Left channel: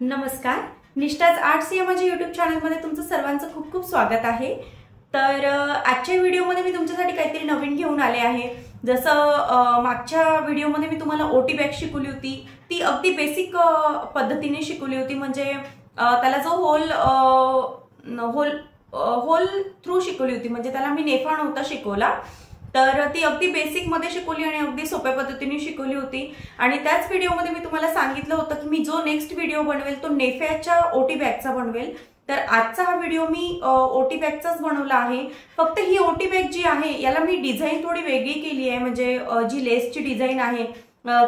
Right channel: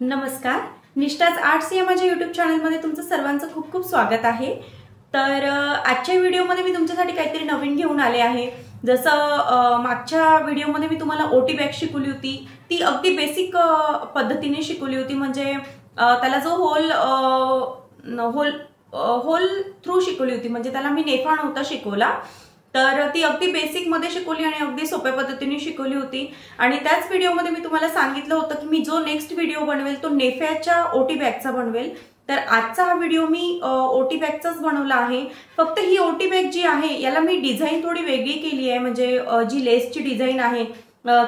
नमस्कार, निष्ठाच आर्ट्स या माझ्या यूट्यूब चॅनलमध्ये तुमचं सर्वांचं खूप खूप स्वागत आहे। तर आजच्या व्हिडिओमध्ये मी तुमच्यासाठी काहीतरी नवीन घेऊन आले आहे। जसं मागच्या व्हिडिओमध्ये मी तुम्हाला ओटी बॅग शिकवली होती, ती अगदी बेसिक पद्धतीने शिकवली होती। म्हणजे त्याला जो होल थ्रू शिकवली होती, म्हणजे त्याला मी नेफा नव्हता शिकवला, तर ती अगदी बेसिक मध्ये शिकवली आणि अगदी सोप्या पद्धतीने शिकवली होती। आणि त्याच व्हिडिओमध्ये मी तुम्हाला सांगितलं होतं की मी जो नेक्स्ट व्हिडिओ बनवेल तो नेफ्याच्या ओटी बॅगचा बनवेल। तर आजचा हा व्हिडिओ मी ओटी बॅगचाच बनवला आहे। फक्त ही ओटी बॅग जी आहे याला मी डिझाइन थोडी वेगळी केली आहे। म्हणजे जी लेसची डिझाइन आहे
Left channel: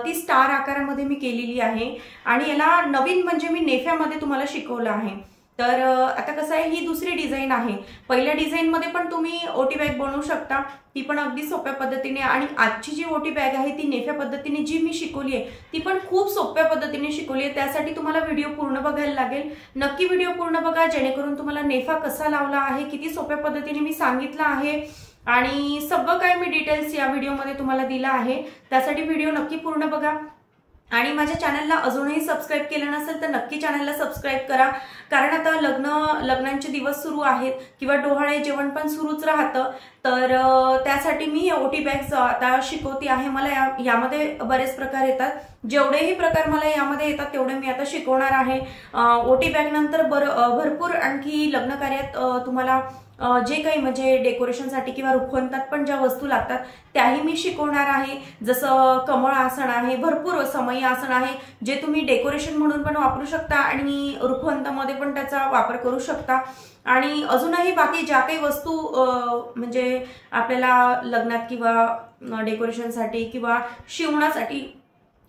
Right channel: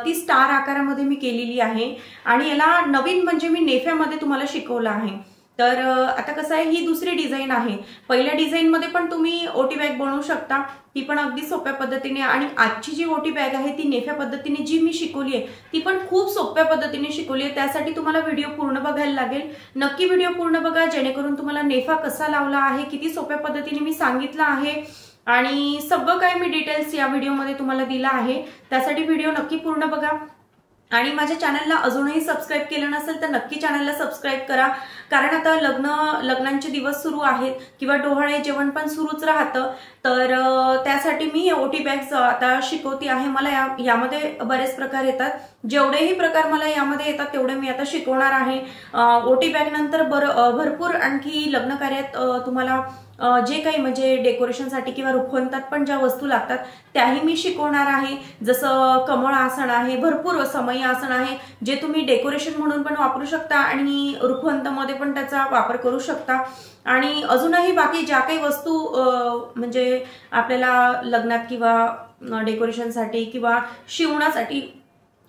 ती स्टार आकारामध्ये मी केलेली आहे आणि याला नवीन म्हणजे मी नेफ्यामध्ये तुम्हाला शिकवलं आहे। तर आता कसं आहे, ही दुसरी डिझाइन आहे। पहिल्या डिझाइन मध्ये पण तुम्ही ओटी बॅग बनवू शकता, ती पण अगदी सोप्या पद्धतीने। आणि आजची जी ओटी बॅग आहे ती नेफ्या पद्धतीने जी मी शिकवली आहे ती पण खूप सोप्या पद्धतीने शिकवली आहे। त्यासाठी तुम्हाला व्हिडिओ पूर्ण बघायला लागेल। नक्की व्हिडिओ पूर्ण बघा, जेणेकरून तुम्हाला नेफा कसा लावला आहे, किती सोप्या पद्धतीने मी सांगितलं आहे आणि सगळं काही मी डिटेल्स या व्हिडिओमध्ये तुम्हाला दिला आहे। त्यासाठी व्हिडिओ नक्की पूर्ण बघा आणि माझ्या चॅनलला अजूनही सबस्क्राइब केलं नसेल तर नक्की चॅनलला सबस्क्राइब करा। कारण आता लग्नांचे दिवस सुरू आहेत किंवा डोहाळे जेवण पण सुरूच राहतं। तर त्यासाठी मी ओटी बॅग्स आता शिकवते आहे। मला यामध्ये बरेच प्रकार येतात, जेवढेही प्रकार मला यामध्ये येतात तेवढे मी आता शिकवणार आहे। ओटी बॅग नंतर भरपूर आणखी लग्न कार्यात तुम्हाला जे काही म्हणजे डेकोरेशनसाठी किंवा रुखवंतात पण ज्या वस्तू लागतात त्याही मी शिकवणार आहे। जसं कमळ आसन आहे, भरपूर समई आसन आहे, जे तुम्ही डेकोरेशन म्हणून पण वापरू शकता आणि रुखवंतामध्ये पण त्याचा वापर करू शकता। आणि अजूनही बाकी ज्या काही वस्तू म्हणजे आपल्याला लग्नात किंवा डेकोरेशनसाठी किंवा शिवणासाठी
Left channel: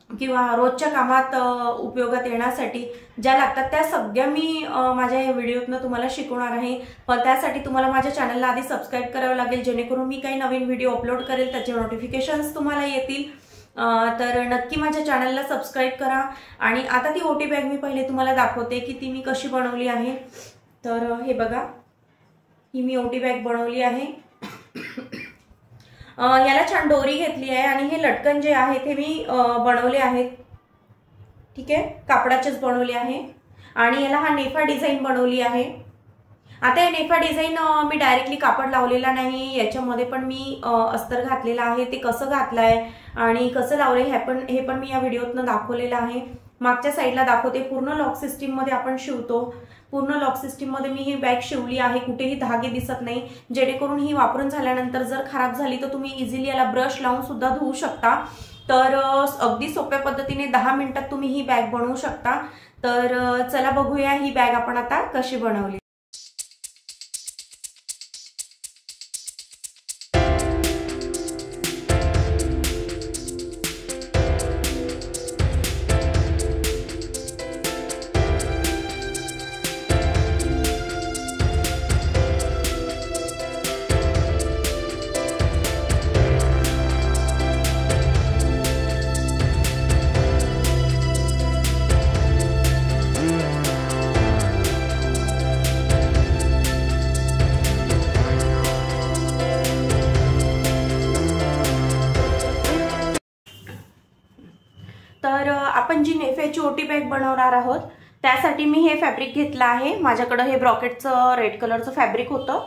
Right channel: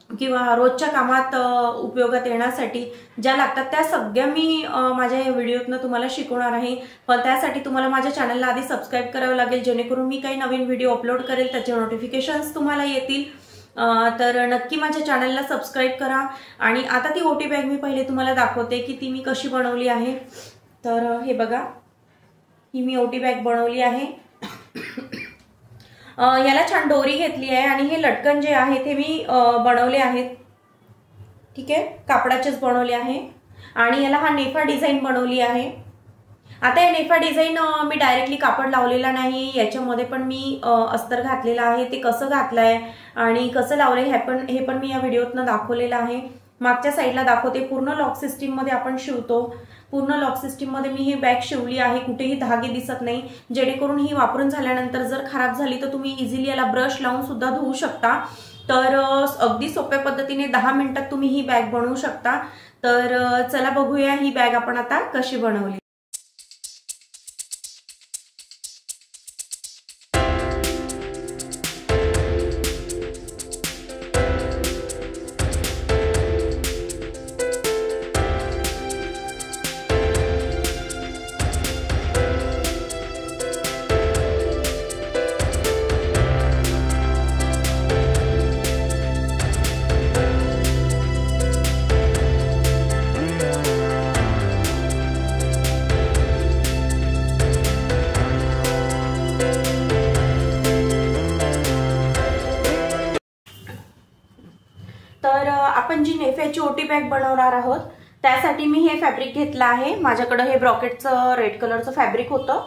किंवा रोजच्या कामात उपयोगात येण्यासाठी ज्या लागतात त्या सगळ्या मी माझ्या या व्हिडिओतनं तुम्हाला शिकवणार आहे। पण त्यासाठी तुम्हाला माझ्या चॅनलला आधी सबस्क्राइब करावं लागेल, जेणेकरून मी काही नवीन व्हिडिओ अपलोड करेल त्याचे नोटिफिकेशन्स तुम्हाला येतील। तर नक्की माझ्या चॅनलला सबस्क्राइब करा। आणि आता ती ओटी बॅग मी पहिले तुम्हाला दाखवते की ती मी कशी बनवली आहे। तर हे बघा, ही मी ओटी बॅग बनवली आहे। याला छान दोरी घेतली आहे आणि हे लटकन जे आहे ते मी बनवले आहेत। ठीक आहे, कापडाचेच बनवले आहे आणि याला हा नेफा डिझाइन बनवली आहे। आता या नेफा डिझाइन मी डायरेक्टली कापड लावलेला नाही, याच्यामध्ये पण मी अस्तर घातलेला आहे। ते कसं घातलंय आणि कसं लावलंय हे पण मी या व्हिडिओतनं दाखवलेलं आहे। मागच्या साईडला दाखवते, पूर्ण लॉक सिस्टीम मध्ये आपण शिवतो। पूर्ण लॉक सिस्टीम मध्ये मी ही बॅग शिवली आहे, कुठेही धागे दिसत नाही, जेणेकरून ही वापरून झाल्यानंतर जर खराब झाली तर तुम्ही इझिली याला ब्रश लावून सुद्धा धुवू शकता। तर अगदी सोप्या पद्धतीने 10 मिनिटात तुम्ही ही बॅग बनवू शकता। तर चला बघूया ही बॅग आपण आता कशी बनवली। तर आपण जी नेफ्याची ओटी बॅग बनवणार आहोत त्यासाठी मी हे फॅब्रिक घेतलं आहे। माझ्याकडे हे ब्रॉकेटचं रेड कलरचं फॅब्रिक होतं,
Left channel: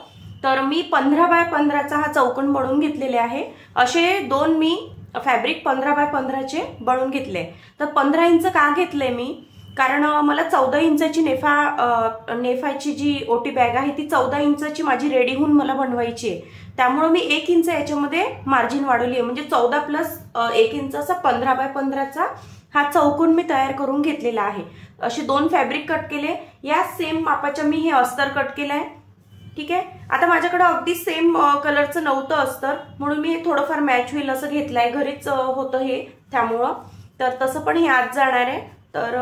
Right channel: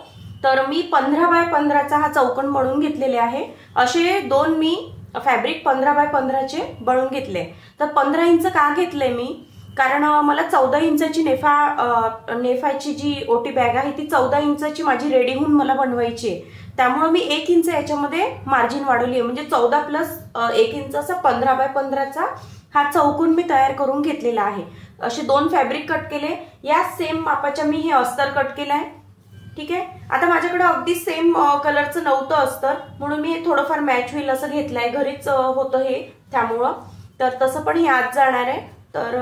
तर मी 15 बाय 15चा हा चौकोन बनवून घेतलेले आहे। असे दोन मी फॅब्रिक 15 बाय 15चे बनवून घेतले। तर 15 इंच का घेतले मी, कारण मला 14 इंचाची नेफाची जी ओटी बॅग आहे ती 14 इंचाची माझी रेडी होऊन मला बनवायची आहे। त्यामुळे मी 1 इंच याच्यामध्ये मार्जिन वाढवली आहे, म्हणजे 14 प्लस 1 इंच असा 15 बाय 15चा हा चौकोन मी तयार करून घेतलेला आहे। असे दोन फॅब्रिक कट केले, या सेम मापाच्या मी हे अस्तर कट केलाय। ठीक आहे, आता माझ्याकडे अगदी सेम कलरचं नव्हतं अस्तर, म्हणून मी थोडंफार मॅच होईल असं घेतलंय, घरीच होतं हे त्यामुळं। तर तसं पण हे आत जाणार आहे, तर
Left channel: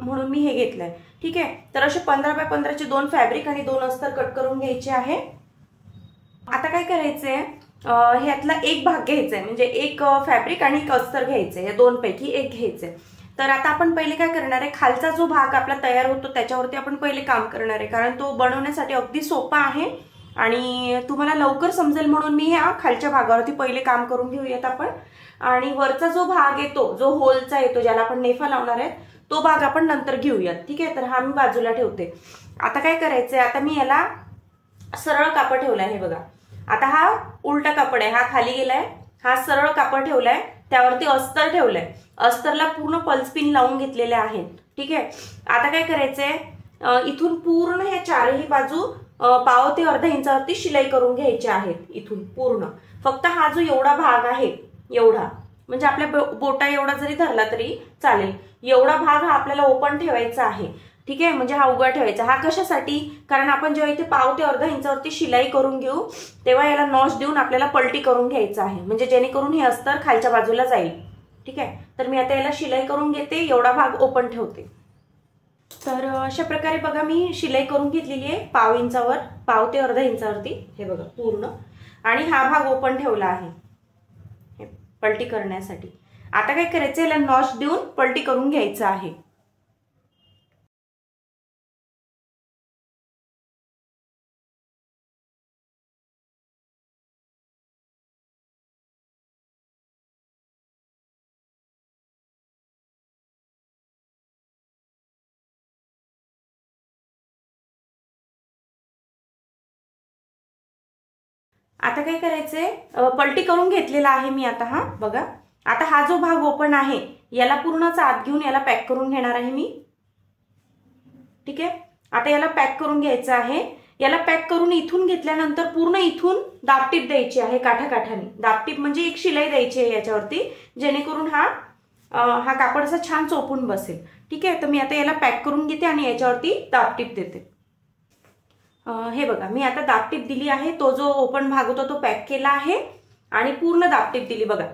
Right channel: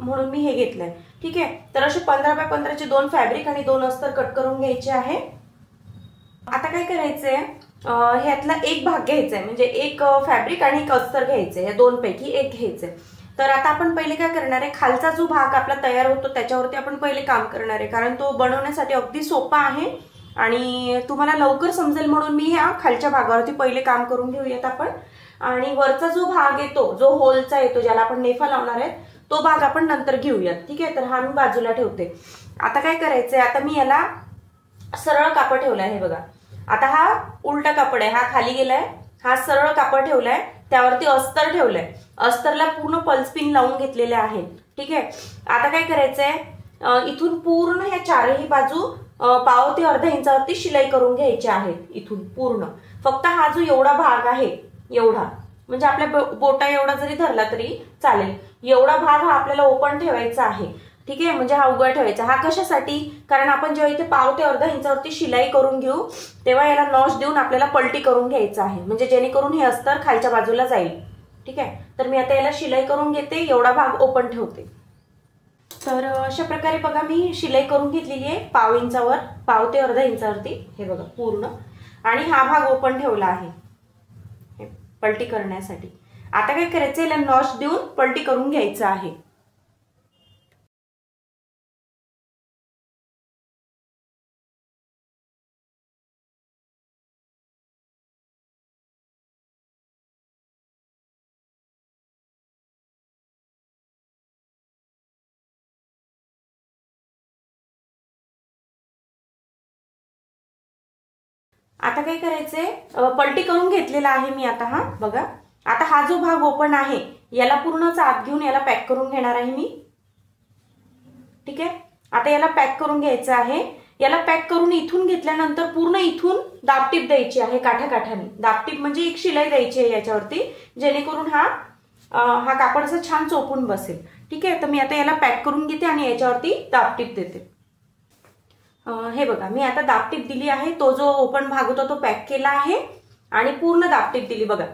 म्हणून मी हे घेतलंय। ठीक आहे, तर असे 15 बाय 15चे दोन फॅब्रिक आणि दोन अस्तर कट करून घ्यायचे आहे। आता काय करायचंय, ह्यातला एक भाग घ्यायचा आहे, म्हणजे एक फॅब्रिक आणि एक अस्तर घ्यायचंय, या दोन पैकी एक घ्यायचंय। तर आता आपण पहिले काय करणार आहे, खालचा जो भाग आपला तयार होतो त्याच्यावरती आपण पहिले काम करणार आहे, कारण तो बनवण्यासाठी अगदी सोपा आहे आणि तुम्हाला लवकर समजेल म्हणून मी ह्या खालच्या भागावरती पहिले काम करून घेऊयात आपण। आणि वरचा जो भाग येतो, जो होलचा येतो, ज्याला आपण नेफा लावणार आहे, तो भाग आपण नंतर घेऊयात, ठीक आहे. तर हा मी बाजूला ठेवते. आता काय करायचंय, आता मी याला सरळ कापड ठेवलाय, हे बघा. आता हा उलटा कापड आहे, हा खाली गेलाय, हा सरळ कापड ठेवलाय, त्यावरती अस्तर ठेवलंय, अस्तरला पूर्ण पल्स पिन लावून घेतलेले आहेत, ठीक आहे. आता काय करायचंय, इथून पूर्ण ह्या चारही बाजू पाव ते अर्धा इंचावरती शिलाई करून घ्यायची आहेत. इथून पूर्ण फक्त हा जो एवढा भाग आहे, एवढा म्हणजे आपल्या बोटा एवढा जरी धरला तरी चालेल, एवढा भाग हा आपल्याला ओपन ठेवायचा आहे, ठीक आहे. म्हणजे हा उघडा ठेवायचा. हा कशासाठी, कारण आपण जेव्हा इथे पाव ते अर्धा इंचावरती शिलाई करून घेऊ तेव्हा याला नॉच देऊन आपल्याला पलटी करून घ्यायचं आहे, म्हणजे जेणेकरून हे अस्तर खालच्या बाजूला जाईल, ठीक आहे. तर मी आता याला शिलाई करून घेते, एवढा भाग ओपन ठेवते. तर अशा प्रकारे बघा मी शिलाई करून घेतलेली आहे पाव इंचावर, पाव ते अर्धा इंचावरती, हे बघा पूर्ण. आणि हा भाग ओपन ठेवला आहे पलटी करण्यासाठी. आता काय करायचं, याला नॉच देऊन पलटी करून घ्यायचं आहे. आता काय करायचंय, पलटी करून घेतलेला आहे मी आता, हा बघा. आता हा जो भाग ओपन आहे याला पूर्णच आत घेऊन याला पॅक करून घेणार आहे मी, ठीक आहे. आता याला पॅक करून घ्यायचं आहे. याला पॅक करून इथून घेतल्यानंतर पूर्ण इथून दाबटीप द्यायची आहे, काठाकाठाने दाबटीप म्हणजे एक शिलाई द्यायची आहे याच्यावरती, जेणेकरून हा कापड असा छान चोपून बसेल, ठीक आहे. तर मी आता याला पॅक करून घेते आणि याच्यावरती दाबटीप देते. हे बघा मी आता दाबटीप दिली आहे, तो जो ओपन भाग होता तो पॅक केला आहे आणि पूर्ण दाबटीप दिली. बघा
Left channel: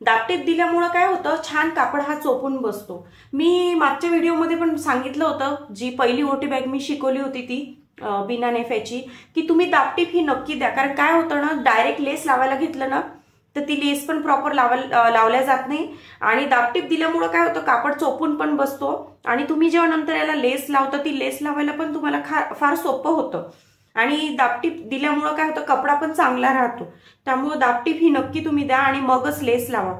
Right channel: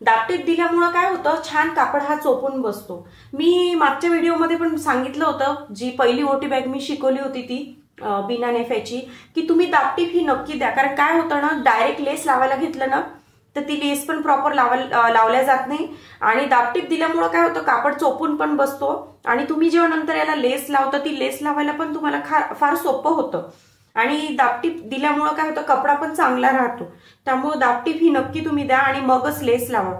दाबटीप दिल्यामुळे काय होतं, छान कापड हा चोपून बसतो. मी मागच्या व्हिडिओमध्ये पण सांगितलं होतं, जी पहिली ओटी बॅग मी शिकवली होती ती बिना नेफ्याची, की तुम्ही दाबटीप ही नक्की द्या. कारण काय होतं ना, डायरेक्ट लेस लावायला घेतलं ना तर ती लेस पण प्रॉपर लावल्या जात नाही आणि दाबटीप दिल्यामुळे काय होतं, कापड चोपून पण बसतो आणि तुम्ही जेव्हा नंतर याला लेस लावता ती लेस लावायला पण तुम्हाला फार सोपं होतं. आणि दाबटीप दिल्यामुळे काय होतं, कपडा पण चांगला राहतो. त्यामुळे दाबटीप ही नक्की तुम्ही द्या आणि मगच लेस लावा.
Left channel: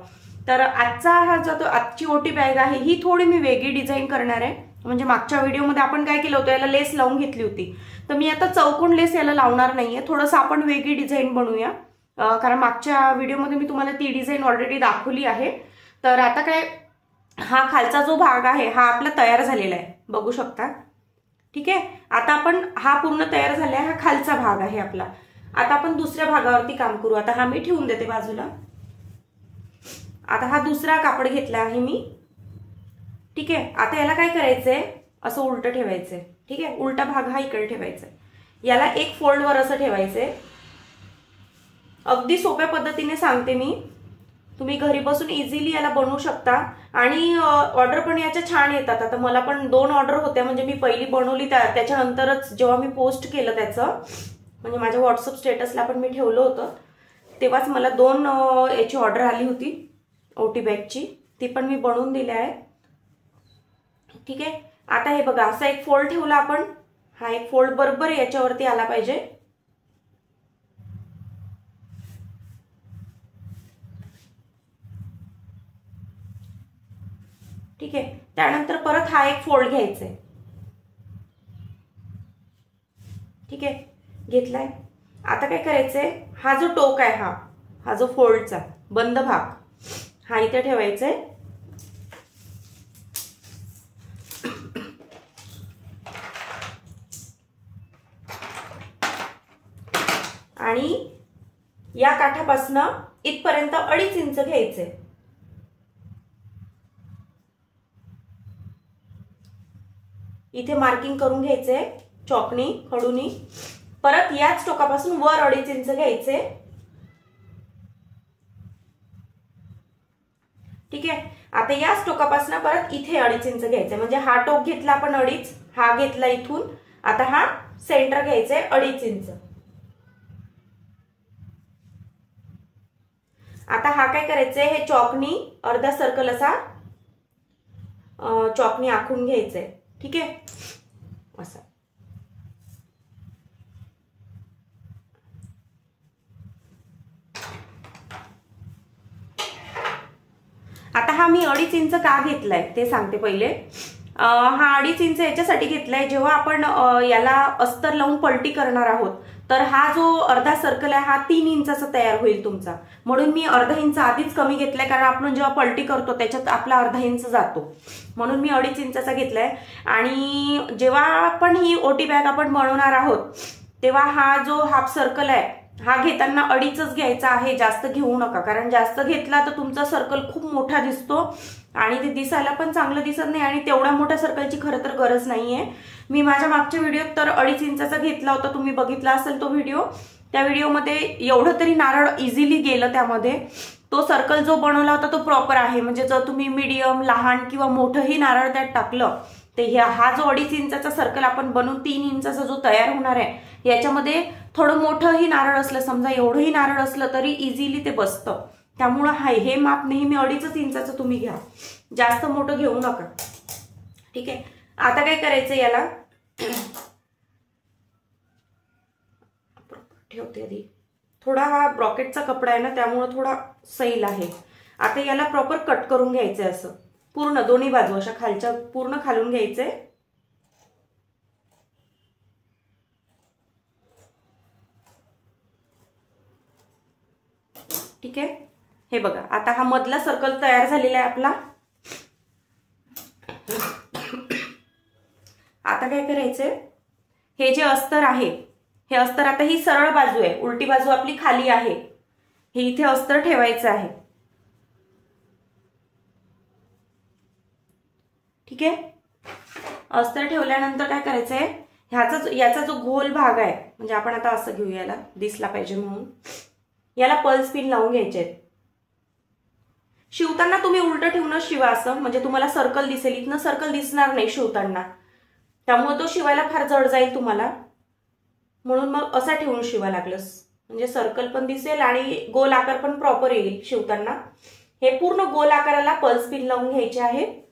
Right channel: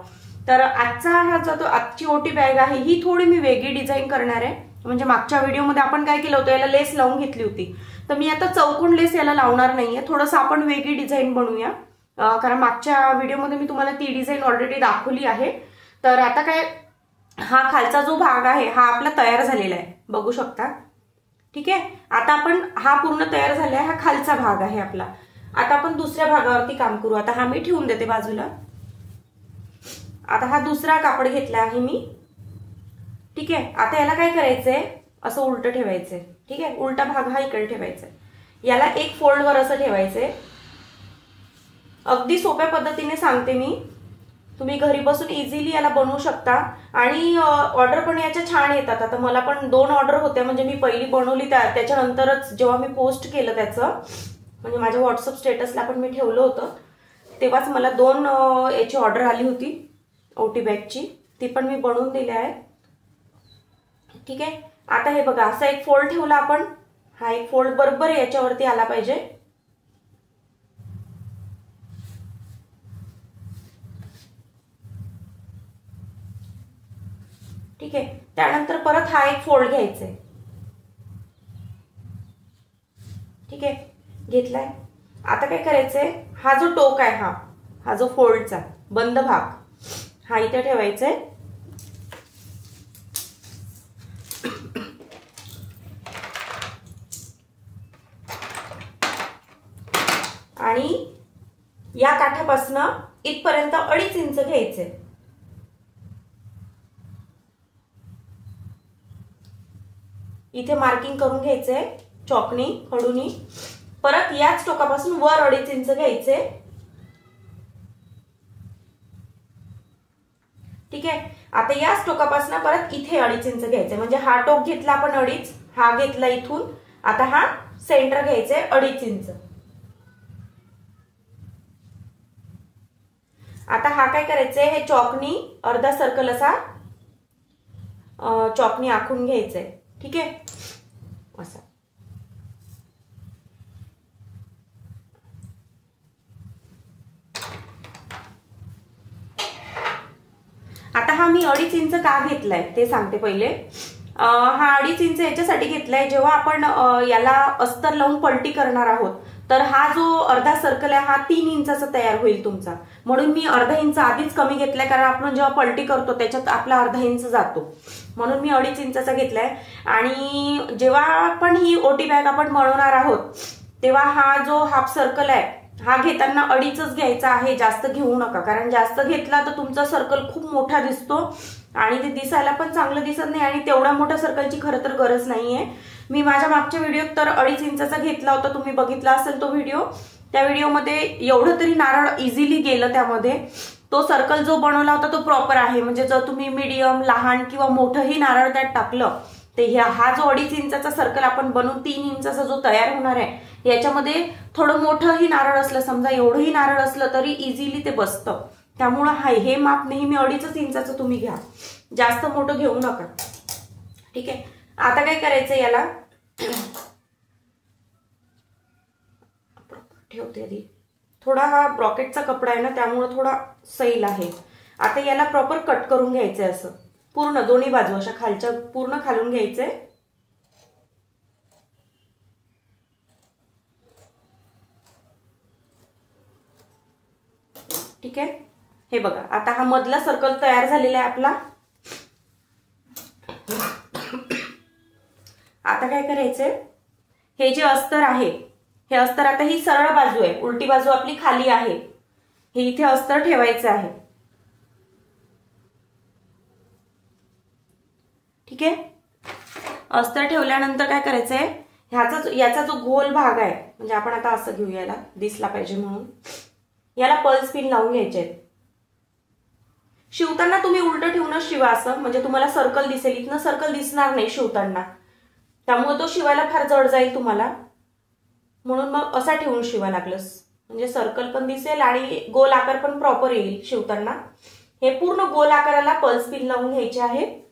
तर आजची ओटी बॅग आहे ही थोडी मी वेगळी डिझाईन करणार आहे. म्हणजे मागच्या व्हिडिओमध्ये आपण काय केलं होतं, याला लेस लावून घेतली होती, तर मी आता चौकोन लेस याला लावणार नाहीये, थोडंसं आपण वेगळी डिझाईन बनवूया. कारण मागच्या व्हिडिओमध्ये मी तुम्हाला ती डिझाईन ऑलरेडी दाखवली आहे. तर आता काय, हा खालचा जो भाग आहे हा आपला तयार झालेला आहे, बघू शकता, ठीक आहे. आता आपण हा पूर्ण तयार झाला आहे, हा खालचा भाग आहे आपला. आता आपण दुसऱ्या भागावरती काम करू. आता हा मी ठेवून देते बाजूला. आता हा दुसरा कापड घेतला आहे मी, ठीक आहे. आता याला काय करायचंय, असं उलट ठेवायचंय, ठीक आहे. उलटा भाग हा इकडे ठेवायचा, याला एक फोल्डवर असं ठेवायचंय. अगदी सोप्या पद्धतीने सांगते मी, तुम्ही घरी बसून इझिली याला बनवू शकता आणि ऑर्डर पण याच्या छान येतात. आता मला पण 2 ऑर्डर होत्या, म्हणजे मी पहिली बनवली त्याच्यानंतरच जेव्हा मी पोस्ट केलं त्याचं, म्हणजे माझ्या व्हॉट्सअप स्टेटसला पण मी ठेवलं होतं, तेव्हाच मला 2 याची ऑर्डर आली होती ओटी बॅगची, ती पण मी बनवून दिली आहे, ठीक आहे. आता हे बघा असा एक फोल्ड ठेवला आपण, हा एक फोल्ड बरोबर याच्यावरती आला पाहिजे, ठीक आहे. त्यानंतर परत हा एक फोल्ड घ्यायचा आहे, ठीक आहे, घेतलाय. आता काय करायचंय, हा जो टोक आहे हा जो फोल्डचा बंद भाग हा इथे ठेवायचा आहे. आणि या काठापासून इथपर्यंत 2.5 इंच घ्यायचंय. इथे मार्किंग करून घ्यायचंय चॉकनी खडूनी. परत याच टोकापासून वर 2.5 इंच घ्यायचे, ठीक आहे. आता याच टोकापासून परत इथे 2.5 इंच घ्यायचे, म्हणजे हा टोक घेतला आपण 2.5, हा घेतला इथून, आता हा सेंटर घ्यायचे 2.5 इंच. आता हा काय करायचंय, हे चॉकनी अर्धा सर्कल असा चॉकनी आखून घ्यायचंय, ठीक आहे, असं. आता हा मी 2.5 इंच का घेतलाय ते सांगते पहिले. हा 2.5 इंच याच्यासाठी घेतलाय, जेव्हा आपण याला अस्तर लावून पलटी करणार आहोत तर हा जो अर्धा सर्कल आहे हा 3 इंचाचा तयार होईल तुमचा, म्हणून मी अर्धा इंच आधीच कमी घेतलाय, कारण आपण जेव्हा पलटी करतो त्याच्यात आपला अर्धा इंच जातो, म्हणून मी 2.5 इंचाचा घेतलाय। आणि जेव्हा आपण ही ओटी बॅग आपण बनवणार आहोत तेव्हा हा जो हाफ सर्कल आहे हा घेताना 2.5च घ्यायचा आहे, जास्त घेऊ नका, कारण जास्त घेतला तर तुमचा सर्कल खूप मोठा दिसतो आणि ते दिसायला पण चांगलं दिसत नाही आणि तेवढ्या मोठ्या सर्कलची खरं तर गरज नाहीये। मी माझ्या मागच्या व्हिडिओत तर 2.5 इंचाचा घेतला होता, तुम्ही बघितला असेल तो व्हिडिओ, त्या व्हिडिओमध्ये एवढं तरी नारळ इझिली गेलं त्यामध्ये, तो सर्कल जो बनवला होता तो प्रॉपर आहे, म्हणजे जर तुम्ही मीडियम लहान किंवा मोठंही नारळ त्यात टाकलं ते हा जो 2.5 इंचाचा सर्कल आपण बनवून 3 इंचाचा जो तयार होणार आहे याच्यामध्ये थोडं मोठंही नारळ असलं, समजा एवढंही नारळ असलं तरी इझिली ते बसतं, त्यामुळं हे माप नेहमी 2.5 इंचाचं तुम्ही घ्या, जास्त मोठं घेऊ नका। ठीक आहे, आता काय करायचं, याला ठेवते आधी, थोडा हा ब्रॉकेटचा कपडा आहे ना त्यामुळे थोडा सैल आहे। आता याला प्रॉपर कट करून घ्यायचंय, असं पूर्ण दोन्ही बाजू अशा खालच्या पूर्ण खालून घ्यायचंय। ठीक आहे, हे बघा आता हा मधला सर्कल तयार झालेला आहे आपला। आता काय करायचंय, हे जे अस्तर आहे हे अस्तर, आता ही सरळ बाजू आहे, उलटी बाजू आपली खाली आहे, हे इथे अस्तर ठेवायचं आहे। ठीक आहे, अस्तर ठेवल्यानंतर काय करायचंय, याचा जो गोल भाग आहे, म्हणजे आपण आता असं घेऊया, याला दिसला पाहिजे म्हणून याला पल्स पिन लावून घ्यायचे आहेत। शिवताना तुम्ही उलट ठेवूनच शिवा असं, म्हणजे तुम्हाला सर्कल दिसेल, इथनं सर्कल दिसणार नाही शिवताना, त्यामुळे तो शिवायला फार जड जाईल तुम्हाला, म्हणून मग असा ठेवून शिवा लागलंस, म्हणजे सर्कल पण दिसेल आणि गोल आकार पण प्रॉपर येईल शिवताना। हे पूर्ण गोल आकाराला पल्स पिन लावून घ्यायचे आहे।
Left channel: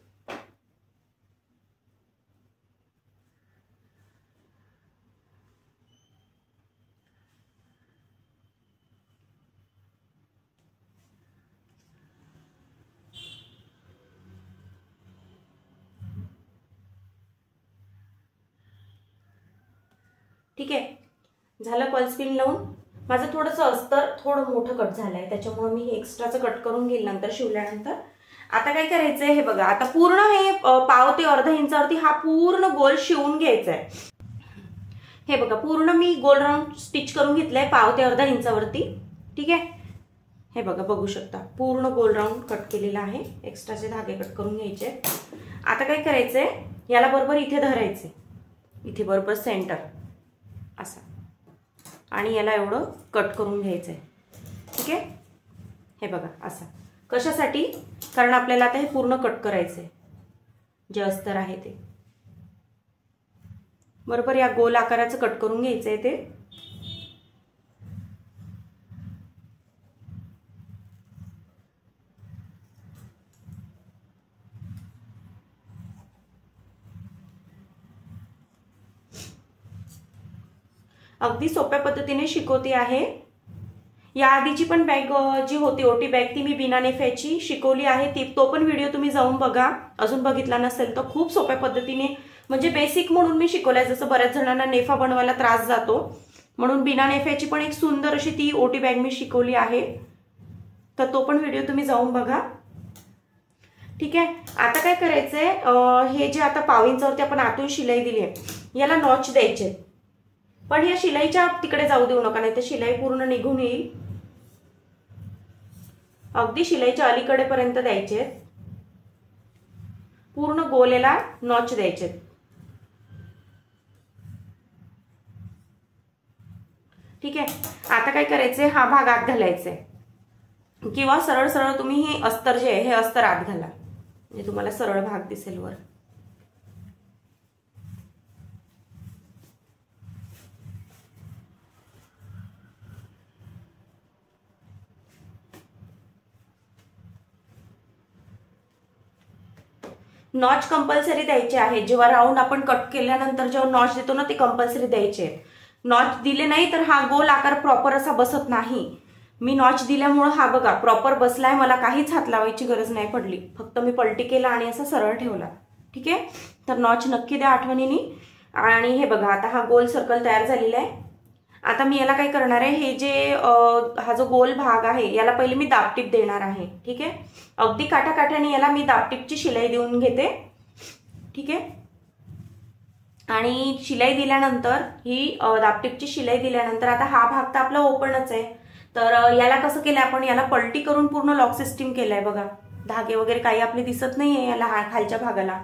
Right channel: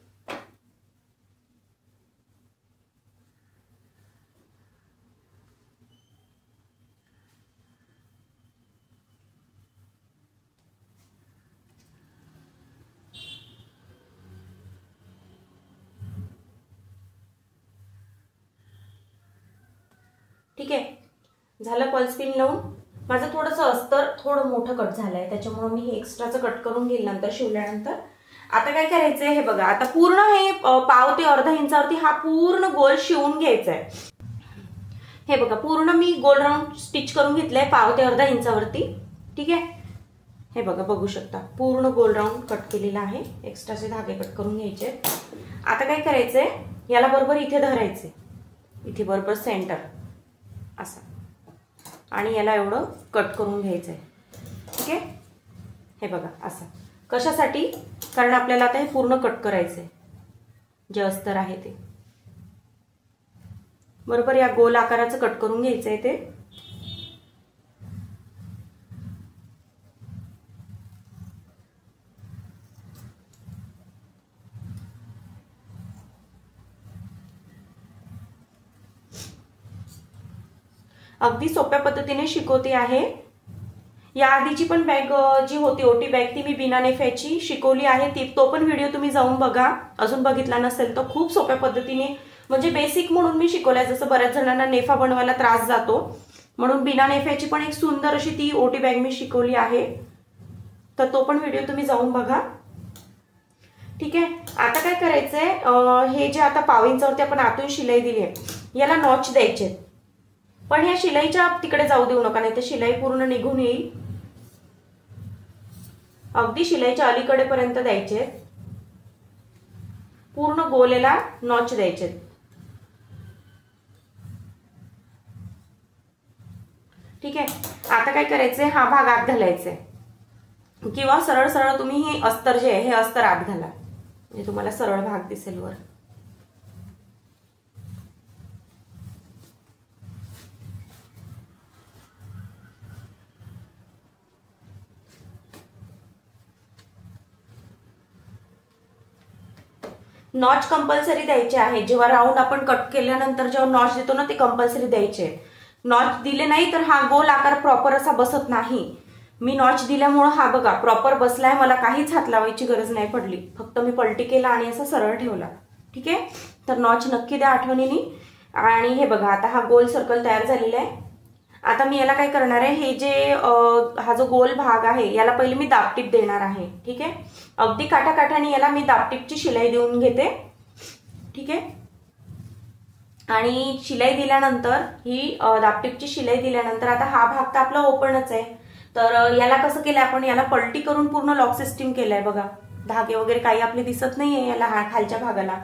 ठीक आहे, झालं पल्स पिन लावून। माझं थोडंसं अस्तर थोडं मोठं कट झालंय, त्याच्यामुळे मी हे एक्स्ट्राचं कट करून घेईल नंतर शिवल्यानंतर। आता काय करायचंय, हे बघा आता पूर्ण हे पाव ते अर्धा इंचावरती हा पूर्ण गोल शिवून घ्यायचा आहे। हे बघा पूर्ण मी गोल राऊंड स्टिच करून घेतलंय पाव ते अर्धा इंचावरती। ठीक आहे, हे बघा बघू शकता पूर्ण गोल राऊंड कट केलेला आहे, एक्स्ट्राचे धागे कट करून घ्यायचे। आता काय करायचंय, याला बरोबर इथे धरायचंय, इथे बरोबर सेंटर असं, आणि याला एवढं कट करून घ्यायचंय। ठीक आहे, हे बघा असं, कशासाठी, कारण आपल्याला आता हे पूर्ण कट करायचंय, जे अस्तर आहे ते बरोबर या गोल आकाराचं कट करून घ्यायचंय ते। अगदी सोप्या पद्धतीने शिकवते आहे। या आधीची पण बॅग जी होती ओटी बॅग ती मी बिना नेफ्याची शिकवली आहे, तो पण व्हिडिओ तुम्ही जाऊन बघा, अजून बघितला नसेल तर। खूप सोप्या पद्धतीने, म्हणजे बेसिक म्हणून मी शिकवलंय, जसं बऱ्याच जणांना नेफा बनवायला त्रास जातो म्हणून बिना नेफ्याची पण एक सुंदर अशी ती ओटी बॅग मी शिकवली आहे, तर तो पण व्हिडिओ तुम्ही जाऊन बघा। ठीक आहे, आता काय करायचंय, हे जे आता पाव इंचावरती आपण आतून शिलाई दिली आहे याला नॉच द्यायचे, पण ह्या शिलाईच्या तिकडे जाऊ देऊ नका, नाही तर शिलाई पूर्ण निघून येईल। अगदी शिलाईच्या अलीकडे पर्यंत द्यायचे, पूर्ण गोलेला नॉच द्यायचे। ठीक आहे, आता काय करायचंय, हा भाग आत घालायचा, किंवा सरळ सरळ तुम्ही हे अस्तर जे आहे हे अस्तर आत घाला, म्हणजे तुम्हाला सरळ भाग दिसेल वर। नॉच कंपल्सरी द्यायचे आहे, जेव्हा राऊंड आपण कट केल्यानंतर जेव्हा नॉच देतो ना ते कंपल्सरी द्यायचे। नॉच दिले नाही तर हा गोल आकार प्रॉपर असा बसत नाही। मी नॉच दिल्यामुळे हा बघा प्रॉपर बसलाय, मला काहीच हात लावायची गरज नाही पडली, फक्त मी पलटी केला आणि असा सरळ ठेवला। ठीक आहे, तर नॉच नक्की द्या आठवणीने। आणि हे बघा आता हा गोल सर्कल तयार झालेला आहे। आता मी याला काय करणार आहे, हे जे हा जो गोल भाग आहे याला पहिले मी दाबटीप देणार आहे। ठीक आहे, अगदी काठाकाठाने याला मी दाबटीपची शिलाई देऊन घेते। ठीक आहे, आणि शिलाई दिल्यानंतर ही दाबटीपची शिलाई दिल्यानंतर आता हा भाग तर आपला ओपनच आहे, तर याला कसं केलंय आपण, याला पलटी करून पूर्ण लॉक सिस्टीम केलाय बघा। धागे वगैरे काही आपले दिसत नाहीये याला खालच्या भागाला,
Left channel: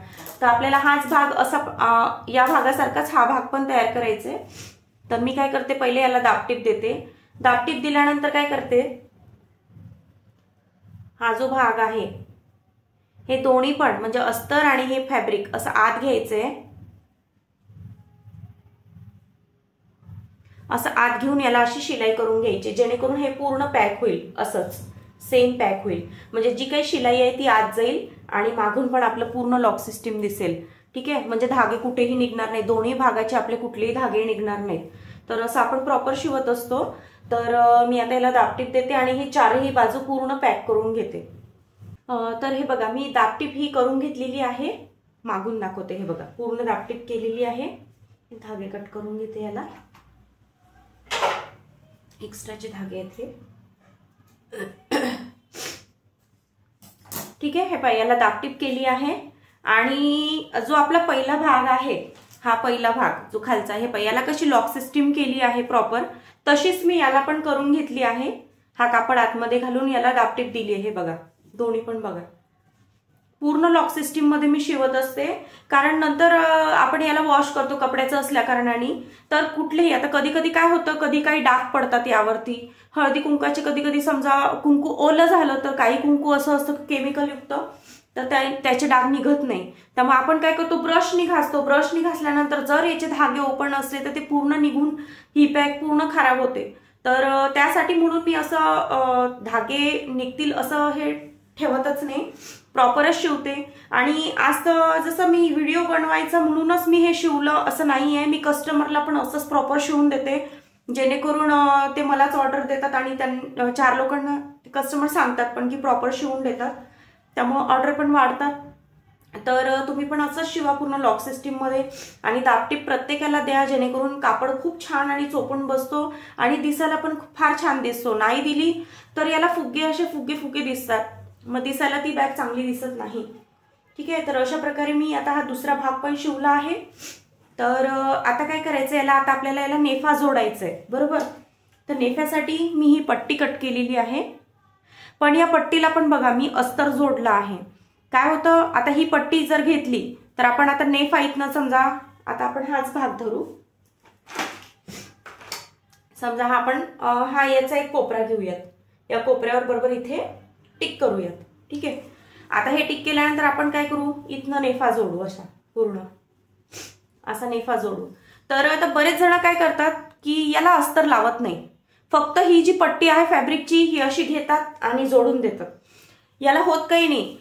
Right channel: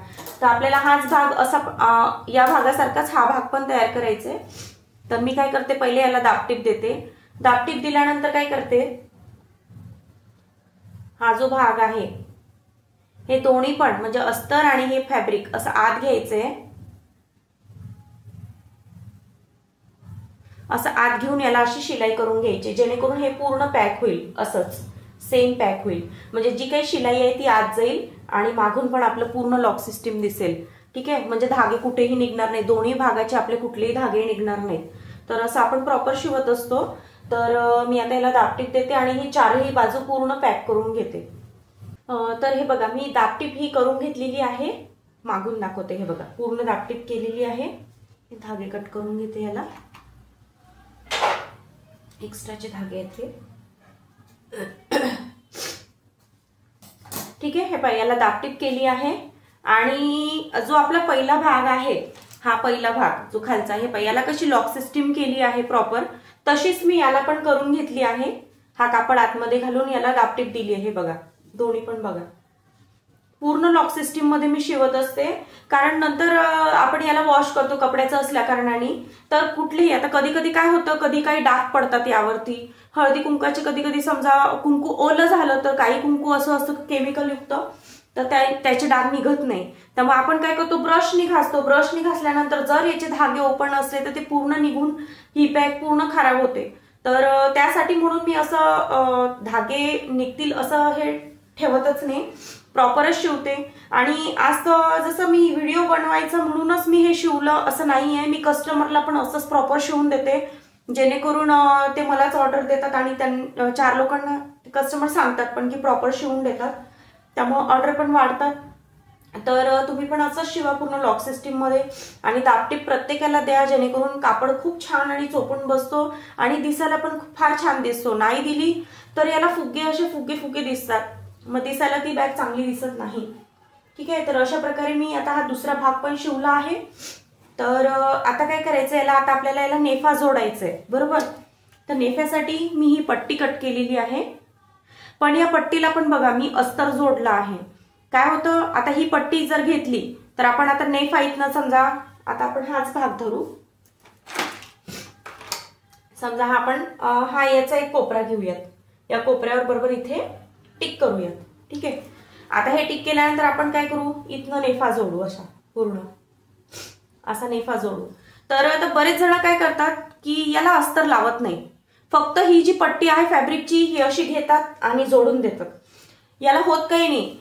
तर आपल्याला हाच भाग असा या भागासारखाच हा भाग पण तयार करायचा आहे। तर मी काय करते, पहिले याला दाबटीप देते। दाबटीप दिल्यानंतर काय करते, हा जो भाग आहे हे दोन्ही पण म्हणजे अस्तर आणि हे फॅब्रिक असं आत घ्यायचंय, असं आत घेऊन याला अशी शिलाई करून घ्यायची, जेणेकरून हे पूर्ण पॅक होईल, असंच सेम पॅक होईल। म्हणजे जी काही शिलाई आहे ती आत जाईल आणि मागून पण आपलं पूर्ण लॉक सिस्टीम दिसेल। ठीक आहे, म्हणजे धागे कुठेही निघणार नाही, दोन्ही भागाचे आपले कुठलेही धागे निघणार नाहीत। तर असं आपण प्रॉपर शिवत असतो। तर मी आता याला दाबटीप देते आणि ही चारही बाजू पूर्ण पॅक करून घेते। तर हे बघा मी दाबटीप ही करून घेतलेली आहे, मागून दाखवते। हे बघा पूर्ण दाबटीप केलेली आहे। धागे कट करून घेते, याला एक्स्ट्राचे धागे आहेत हे। ठीक आहे, हे पहा याला दाबटीप केली आहे। आणि जो आपला पहिला भाग आहे, हा पहिला भाग जो खालचा आहे, पहा याला कशी लॉक सिस्टीम केली आहे प्रॉपर, तशीच मी याला पण करून घेतली आहे। हा कापड आतमध्ये घालून याला दाबटीप दिली आहे बघा, दोन्ही पण बघा। पूर्ण लॉक सिस्टीम मध्ये मी शिवत असते, कारण नंतर आपण याला वॉश करतो कपड्याचं असल्या कारणाने, तर कुठलेही आता कधी कधी काय होतं, कधी काही डाग पडतात यावरती, हळदी कुंकाची कधी कधी समजा कुंकू ओलं झालं तर काही कुंकू असं असतं केमिकल युक्त, तर त्याचे डाग निघत नाही। त्यामुळे आपण काय करतो, ब्रशनी घासतो, ब्रशनी घासल्यानंतर जर याचे धागे ओपन असले तर ते पूर्ण निघून ही पॅक पूर्ण खराब होते। तर त्यासाठी म्हणून मी असं धागे निघतील असं हे ठेवतच नाही, प्रॉपरच शिवते। आणि आज जसं मी व्हिडिओ बनवायचं म्हणूनच मी हे शिवलं असं नाहीये, मी कस्टमरला पण असंच प्रॉपर शिवून देते, जेणेकरून ते मलाच ऑर्डर देतात आणि 4 लोकांना कस्टमर सांगतात पण की प्रॉपर शिवून देतात, त्यामुळे ऑर्डर पण वाढतात। तर तुम्ही पण असंच शिवा पूर्ण लॉक सिस्टीम मध्ये, आणि दाबटीप प्रत्येकाला द्या, जेणेकरून कापड खूप छान आणि चोपून बसतो आणि दिसायला पण फार छान दिसतो। नाही दिली तर याला फुगे असे फुगे दिसतात, मग दिसायला ती बॅग चांगली दिसत नाही। ठीक आहे, तर अशा प्रकारे मी आता हा दुसरा भाग पण शिवला आहे। तर आता काय करायचं, याला आता आपल्याला याला नेफा जोडायचा आहे बरोबर। तर नेफ्यासाठी मी ही पट्टी कट केलेली आहे, पण या पट्टीला पण बघा मी अस्तर जोडला आहे। काय होतं, आता ही पट्टी जर घेतली तर आपण आता नेफा इथनं समजा, आता आपण हाच भाग धरू, समजा हा आपण हा याचा एक कोपरा घेऊयात, या कोपऱ्यावर बरोबर इथे टिक करूयात। ठीक आहे, आता हे टिक केल्यानंतर आपण काय करू, इथनं नेफा जोडू, अशा पूर्ण असा नेफा जोडू। तर आता बरेच जण काय करतात की याला अस्तर लावत नाही, फक्त ही जी पट्टी आहे फॅब्रिकची ही अशी घेतात आणि जोडून देतात, याला होत काही नाही।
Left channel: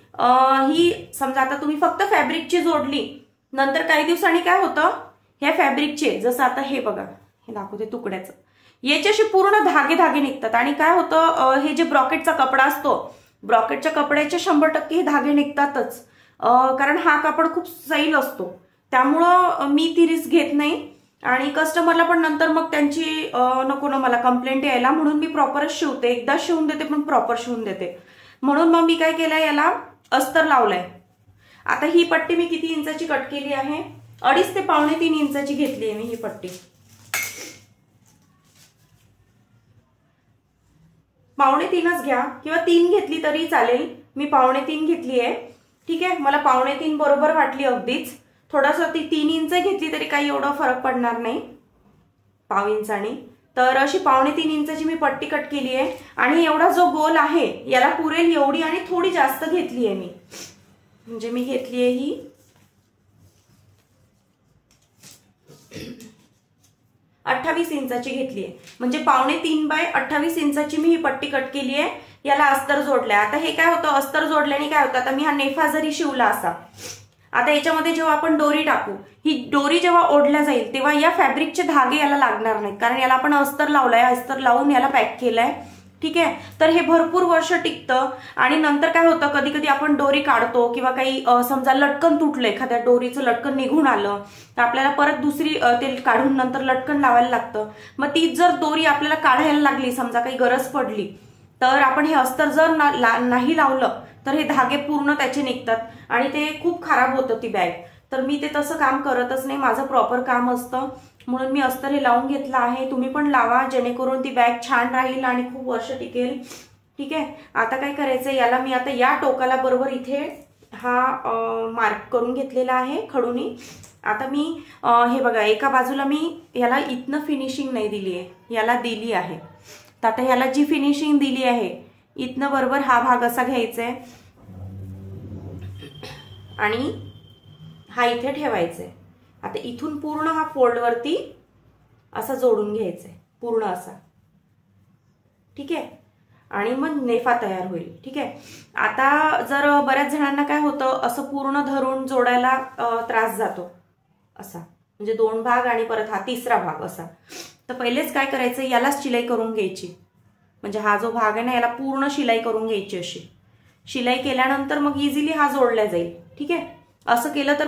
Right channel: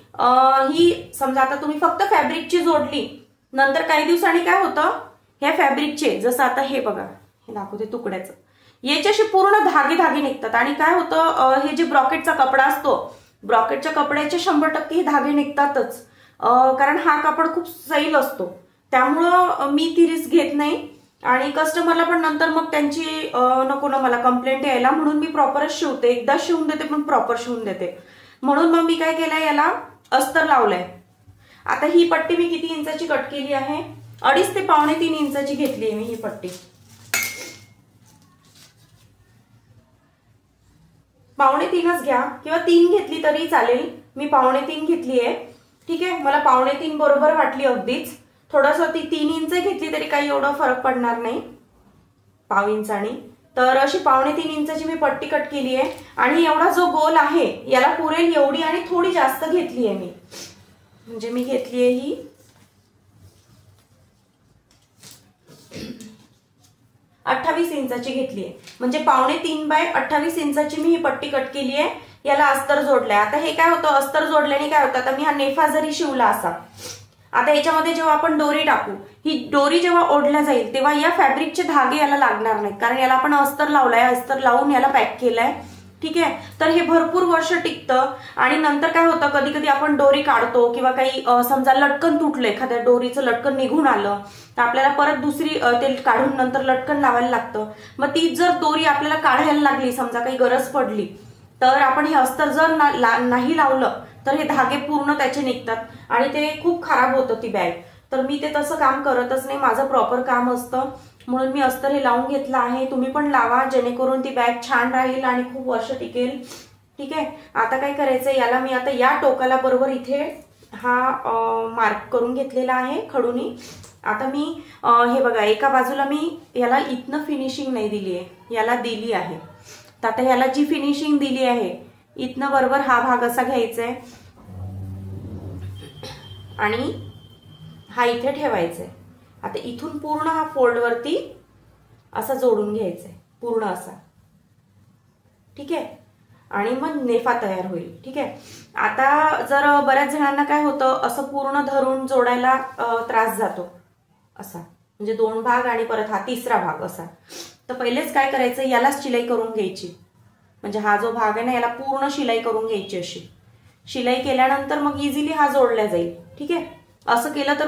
ही समजा आता तुम्ही फक्त फॅब्रिकची जोडली, नंतर काही दिवसांनी काय होतं, ह्या फॅब्रिकचे जसं आता हे बघा, हे दाखवते तुकड्याचं, याच्याशी पूर्ण धागे निघतात आणि काय होतं, हे जे ब्रॉकेटचा कपडा असतो, ब्रॉकेटच्या कपड्याचे 100% हे धागे निघतातच, कारण हा कापड खूप सैल असतो। त्यामुळं मी ती रिस्क घेत नाही आणि कस्टमरला पण नंतर मग त्यांची नको ना मला कंप्लेंट यायला, म्हणून मी प्रॉपरच शिवते, एकदा शिवून देते पण प्रॉपर शिवून देते। म्हणून मग मी काय केलंय, याला अस्तर लावलंय। आता ही पट्टी मी किती इंचाची कट केली आहे, 2.5 ते 2.25 इंचाची घेतली आहे मी ही पट्टी। 2.25च घ्या किंवा 3 घेतली तरी चालेल, मी 2.25 घेतली आहे। ठीक आहे, मला 2.25 बरोबर वाटली अगदीच, थोडंसं ती 3 इंच घेतली तरी काही एवढा फरक पडणार नाही 0.5 इंचानी। तर अशी 2.25 इंचाची मी पट्टी कट केली आहे आणि एवढा जो गोल आहे याला पुरेल एवढी आणि थोडी जास्त घेतली आहे मी, म्हणजे मी घेतली आहे ही 28 इंचाची घेतली आहे, म्हणजे 2.25 बाय 28 इंचाची मी ही पट्टी कट केली आहे। याला अस्तर जोडलंय। आता हे काय होतं, अस्तर जोडल्याने काय होतं, आता मी हा नेफा जरी शिवला असा, आता याच्यामध्ये जेव्हा आपण दोरी टाकू, ही दोरी जेव्हा ओढल्या जाईल तेव्हा या फॅब्रिकचे धागे याला लागणार नाहीत, कारण याला आपण अस्तर लावलंय, अस्तर लावून याला पॅक केलंय। ठीक आहे. तर हे भरपूर वर्ष टिकतं. आणि नंतर काय होतं, कधी कधी आपण दोरी काढतो किंवा काही समजा लटकन तुटलं, एखाद्या दोरीचं लटकन निघून आलं तर आपल्याला परत दुसरी ते काढून नंतर लटकन लावायला लागतं. मग ती जर दोरी आपल्याला काढायला लागली, समजा काही गरज पडली, तर आपण हे अस्तर जर नाही लावलं तर हे धागे पूर्ण त्याचे निघतात आणि ते खूप खराब होतं ती बॅग. तर मी ते तसं काम करतच नाही, माझं प्रॉपर काम असतं, म्हणून मी अस्तर हे लावून घेतलं आहे. तुम्ही पण लावा, जेणेकरून ती बॅग छान राहील आणि खूप वर्ष टिकेल. ठीक आहे. आता काय करायचंय, याला मी आता या टोकाला बरोबर इथे हा मार्क करून घेतलेला आहे खडूनी. आता मी हे बघा, एका बाजूला मी याला इथनं फिनिशिंग नाही दिली आहे, याला दिली आहे. तर आता याला जी फिनिशिंग दिली आहे, इथनं बरोबर हा भाग असा घ्यायचा आहे आणि हा इथे ठेवायचा आहे. आता इथून पूर्ण हा फोल्ड वरती असा जोडून घ्यायचा आहे, पूर्ण असा. ठीक आहे. आणि मग नेफा तयार होईल. ठीक आहे. आता जर बऱ्याच जणांना काय होतं, असं पूर्ण धरून जोडायला त्रास जातो, असा म्हणजे 2 भाग आणि परत हा तिसरा भाग असा. तर पहिलेच काय करायचं, याला शिलाई करून घ्यायची. म्हणजे हा जो भाग आहे ना, याला पूर्ण शिलाई करून घ्यायची. अशी शिलाई केल्यानंतर मग इझिली हा जोडला जाईल. ठीक आहे. असं केलं तर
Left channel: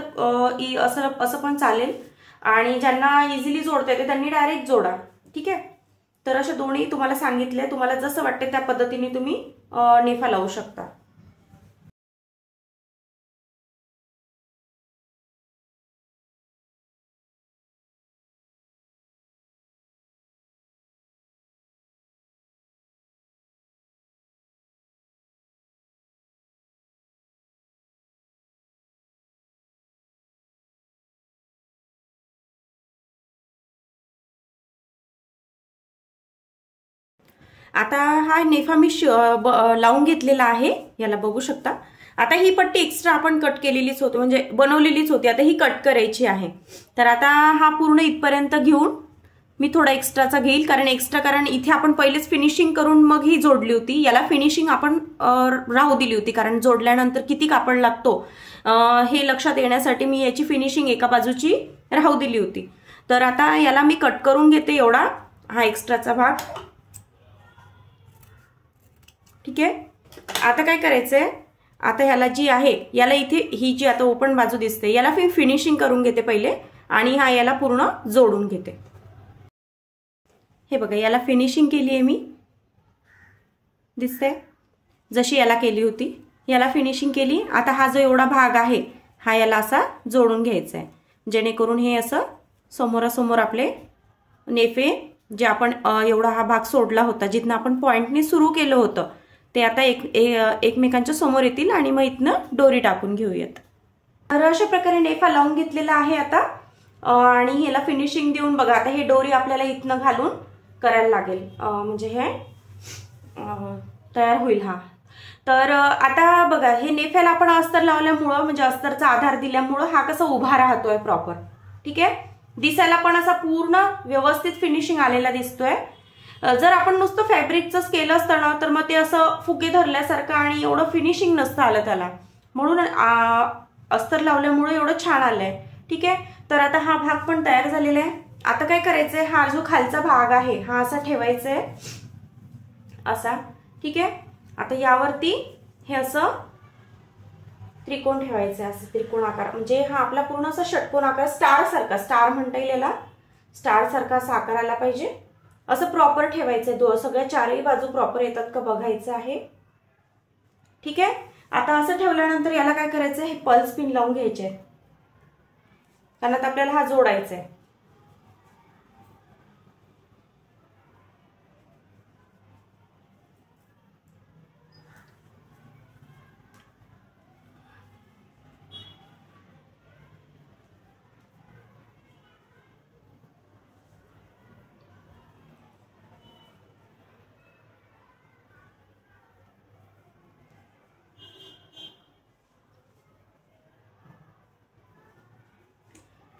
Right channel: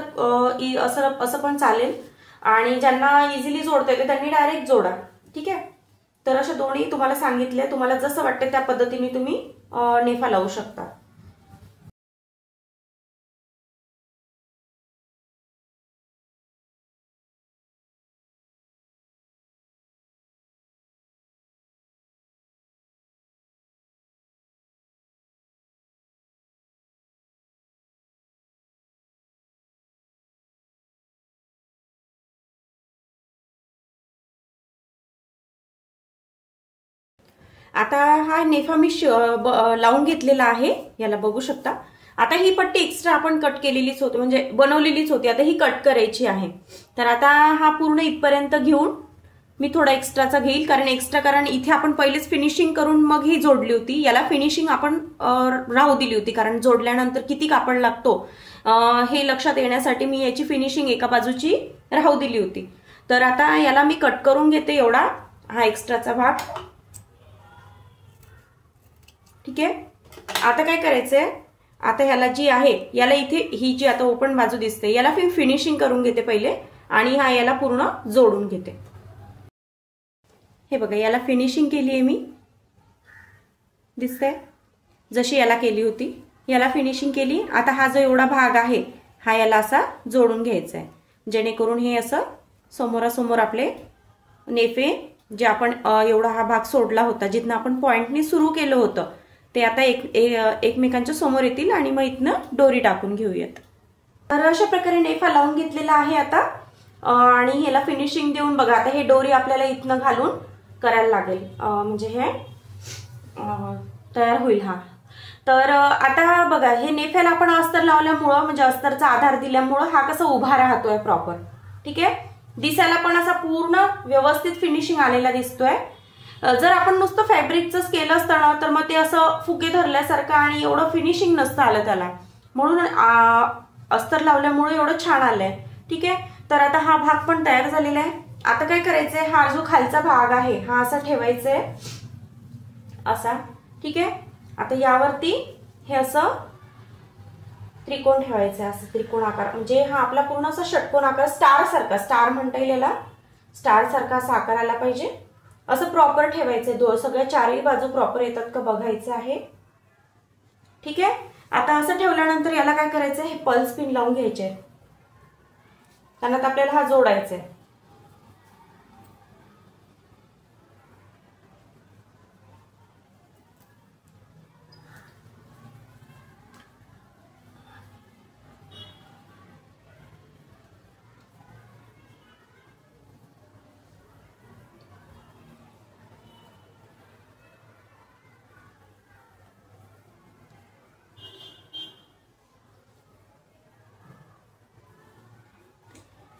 असं पण चालेल. आणि ज्यांना इझिली जोडता येते त्यांनी डायरेक्ट जोडा. ठीक आहे. तर असे दोन्ही तुम्हाला सांगितले, तुम्हाला जसं वाटते त्या पद्धतीने तुम्ही नेफा लावू शकता. आता हा नेफा मी लावून घेतलेला आहे, याला बघू शकता. आता ही पट्टी एक्स्ट्रा आपण कट केलेलीच होती, म्हणजे बनवलेलीच होती, आता ही कट करायची आहे. तर आता हा पूर्ण इथपर्यंत घेऊन मी थोडा एक्स्ट्राचा घेईल, कारण इथे आपण पहिलेच फिनिशिंग करून मग ही जोडली होती. याला फिनिशिंग आपण राहू दिली होती, कारण जोडल्यानंतर किती कापड लागतो हे लक्षात येण्यासाठी मी याची फिनिशिंग एका बाजूची राहू दिली होती. तर आता याला मी कट करून घेते, एवढा हा एक्स्ट्राचा भाग. ठीक आहे. आता काय करायचंय, आता ह्याला जी आहे, याला इथे ही जी आता ओपन बाजू दिसते, याला मी फिनिशिंग करून घेते पहिले आणि हा याला पूर्ण जोडून घेते. हे बघा, याला फिनिशिंग केली आहे मी, दिसते जशी याला केली होती, याला फिनिशिंग केली. आता हा जो एवढा भाग आहे हा याला असा जोडून घ्यायचा आहे, जेणेकरून हे असं समोरासमोर आपले नेफे, जे आपण एवढा हा भाग सोडला होता, जिथनं आपण पॉइंटने सुरू केलं होतं, ते आता एकमेकांच्या समोर येतील आणि मग इथनं दोरी टाकून घेऊयात. तर अशा प्रकारे नेफा लावून घेतलेला आहे आता. आणि ह्याला फिनिशिंग देऊन बघा, आता हे दोरी आपल्याला इथनं घालून करायला लागेल, म्हणजे हे तयार होईल हा. तर आता बघा, हे नेफ्याला आपण अस्तर लावल्यामुळं, म्हणजे अस्तरचा आधार दिल्यामुळं हा कसा उभा राहतोय प्रॉपर. ठीक आहे. दिसायला पण असा पूर्ण व्यवस्थित फिनिशिंग आलेला दिसतोय. जर आपण नुसतं फॅब्रिकच केलं असतं ना, तर मग ते असं फुगे धरल्यासारखं आणि एवढं फिनिशिंग नसतं आलं त्याला, म्हणून अस्तर लावल्यामुळे एवढं छान आलंय. ठीक आहे. तर आता हा भाग पण तयार झालेला आहे. आता काय करायचंय, हा जो खालचा भाग आहे हा असा ठेवायचा आहे, असा. ठीक आहे. आता यावरती हे असं त्रिकोण ठेवायचं, असं त्रिकोण आकार, म्हणजे हा आपला पूर्ण असा षटकोन आकार, स्टार सारखा, स्टार म्हणता येईल याला, स्टार सारखा असा आकार आला पाहिजे. असं प्रॉपर ठेवायचंय, सगळ्या चारही बाजू प्रॉपर येतात का बघायचं आहे. ठीक आहे. आता असं ठेवल्यानंतर याला काय करायचंय, हे पल्स पिन लावून घ्यायचे, त्यानंतर आपल्याला हा जोडायचा आहे.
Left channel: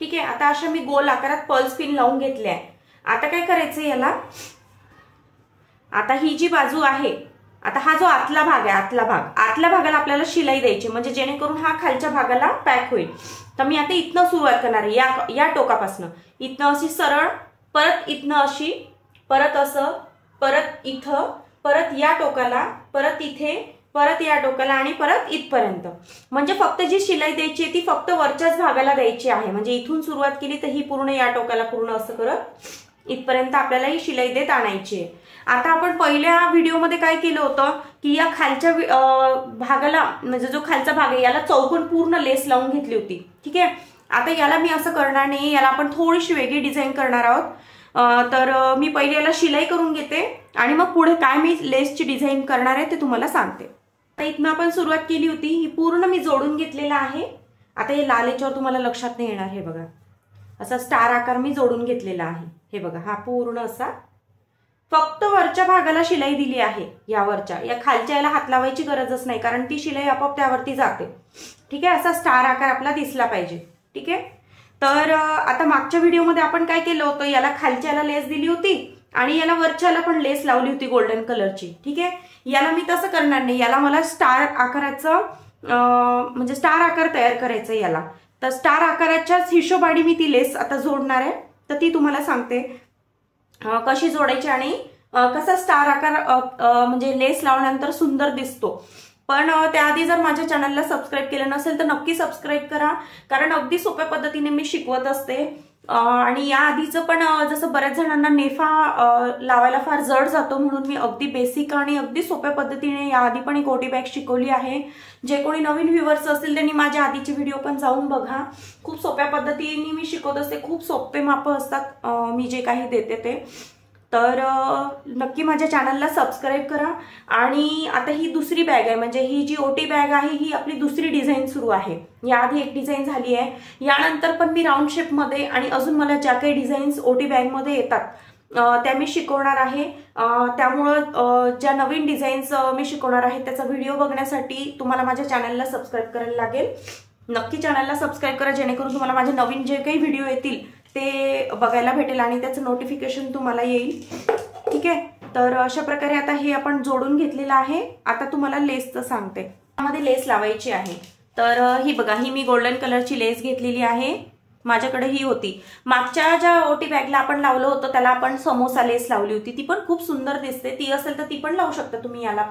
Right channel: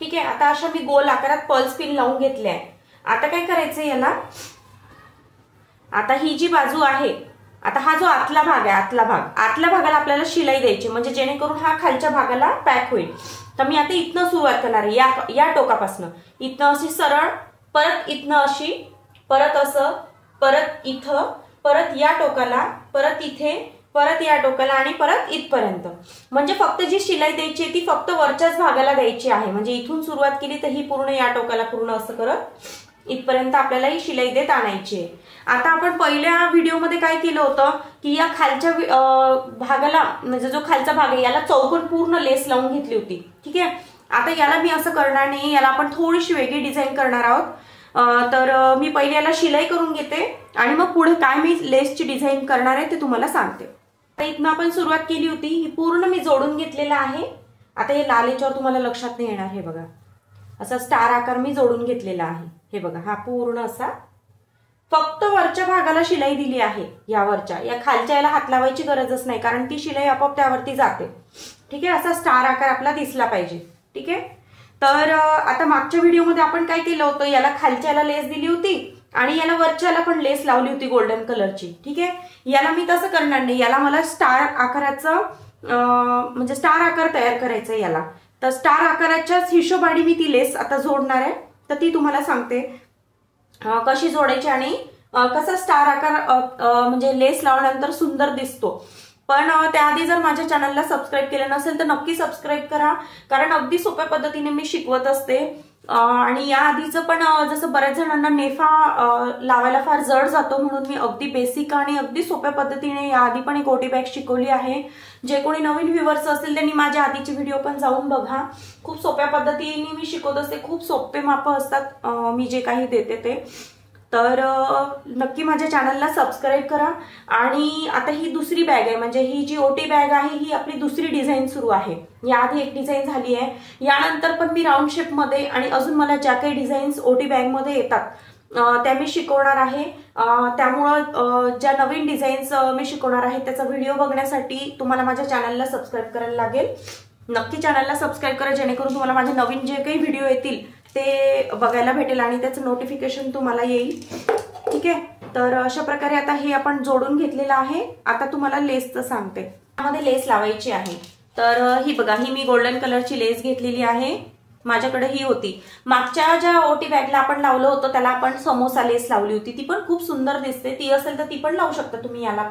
ठीक आहे. आता अशा मी गोल आकारात पल्स पिन लावून घेतले आहे. आता काय करायचंय याला, आता ही जी बाजू आहे, आता हा जो आतला भाग आहे, आतल्या भागाला आपल्याला शिलाई द्यायची, म्हणजे जेणेकरून हा खालच्या भागाला पॅक होईल. तर मी आता इथनं सुरुवात करणार आहे, या टोकापासून इथनं अशी सरळ, परत इथनं अशी, परत असं, परत इथं, परत या टोकाला, परत इथे, परत या टोकाला आणि परत इथपर्यंत. म्हणजे फक्त जी शिलाई द्यायची आहे ती फक्त वरच्याच भागाला द्यायची आहे. म्हणजे इथून सुरुवात केली तर ही पूर्ण या टोकाला पूर्ण असं करत इथपर्यंत आपल्याला ही शिलाई देत आणायची आहे. आता आपण पहिल्या व्हिडिओमध्ये काय केलं होतं की या खालच्या भागाला, म्हणजे जो खालचा भाग आहे याला चौकोन पूर्ण लेस लावून घेतली होती. ठीक आहे. आता याला मी असं करणार नाही, याला आपण थोडीशी वेगळी डिझाईन करणार आहोत. तर मी पहिले याला शिलाई करून घेते आणि मग पुढे काय मी लेसची डिझाईन करणार आहे ते तुम्हाला सांगते. आता इथनं आपण सुरुवात केली होती, ही पूर्ण मी जोडून घेतलेला आहे. आता हे लाल याच्यावर तुम्हाला लक्षात नाही येणार, हे बघा असा स्टार आकार मी जोडून घेतलेला आहे. हे बघा हा पूर्ण असा, फक्त वरच्या भागाला शिलाई दिली आहे. या वरच्या, या खालच्या याला हात लावायची गरजच नाही कारण ती शिलाई आपोआप त्यावरती जाते. ठीक आहे. असा स्टार आकार आपला दिसला पाहिजे. ठीक आहे. तर आता मागच्या व्हिडिओमध्ये आपण काय केलं होतं, याला खालच्याला लेस दिली होती आणि याला वरच्याला पण लेस लावली होती गोल्डन कलरची. ठीक आहे. याला मी तसं करणार नाही, याला मला स्टार आकाराचं म्हणजे स्टार आकार तयार करायचा याला. तर स्टार आकाराच्याच हिशोबाने मी ती लेस आता जोडणार आहे. तर ती तुम्हाला सांगते कशी जोडायची आणि कसा स्टार आकार म्हणजे लेस लावल्यानंतर सुंदर दिसतो. पण त्याआधी जर माझ्या चॅनलला सबस्क्राईब केलं नसेल तर नक्की सबस्क्राईब करा, कारण अगदी सोप्या पद्धतीने मी शिकवत असते. आणि या आधीचं पण जसं बऱ्याच जणांना नेफा लावायला फार जड जातो म्हणून मी अगदी बेसिक आणि अगदी सोप्या पद्धतीने या आधी पण एक ओटी बॅग शिकवली आहे. जे कोणी नवीन व्ह्युअर्स असतील त्यांनी माझ्या आधीची व्हिडिओ पण जाऊन बघा. खूप सोप्या पद्धतीने मी शिकवत असते, खूप सोपे माप असतात मी जे काही देते ते. तर नक्की माझ्या चॅनलला सबस्क्राईब करा. आणि आता ही दुसरी बॅग आहे, म्हणजे ही जी ओटी बॅग आहे ही आपली दुसरी डिझाईन सुरू आहे. याआधी एक डिझाईन झाली आहे, यानंतर पण मी राऊंड शेप मध्ये आणि अजून मला ज्या काही डिझाईन्स ओटी बॅग मध्ये येतात त्या मी शिकवणार आहे. त्यामुळं ज्या नवीन डिझाईन्स मी शिकवणार आहे त्याचा व्हिडिओ बघण्यासाठी तुम्हाला माझ्या चॅनलला सबस्क्राईब करायला लागेल. नक्की चॅनलला सबस्क्राईब करा जेणेकरून तुम्हाला माझे नवीन जे काही व्हिडिओ येतील ते बघायला भेटेल आणि त्याचं नोटिफिकेशन तुम्हाला येईल. ठीक आहे. तर अशा प्रकारे आता हे आपण जोडून घेतलेलं आहे. आता तुम्हाला लेसचं सांगते. त्यामध्ये लेस लावायची आहे. तर ही बघा, ही मी गोल्डन कलरची लेस घेतलेली आहे. माझ्याकडे ही होती. मागच्या ज्या ओटी बॅगला आपण लावलं होतं त्याला आपण समोसा लेस लावली होती, ती पण खूप सुंदर दिसते. ती असेल तर ती पण लावू शकता तुम्ही याला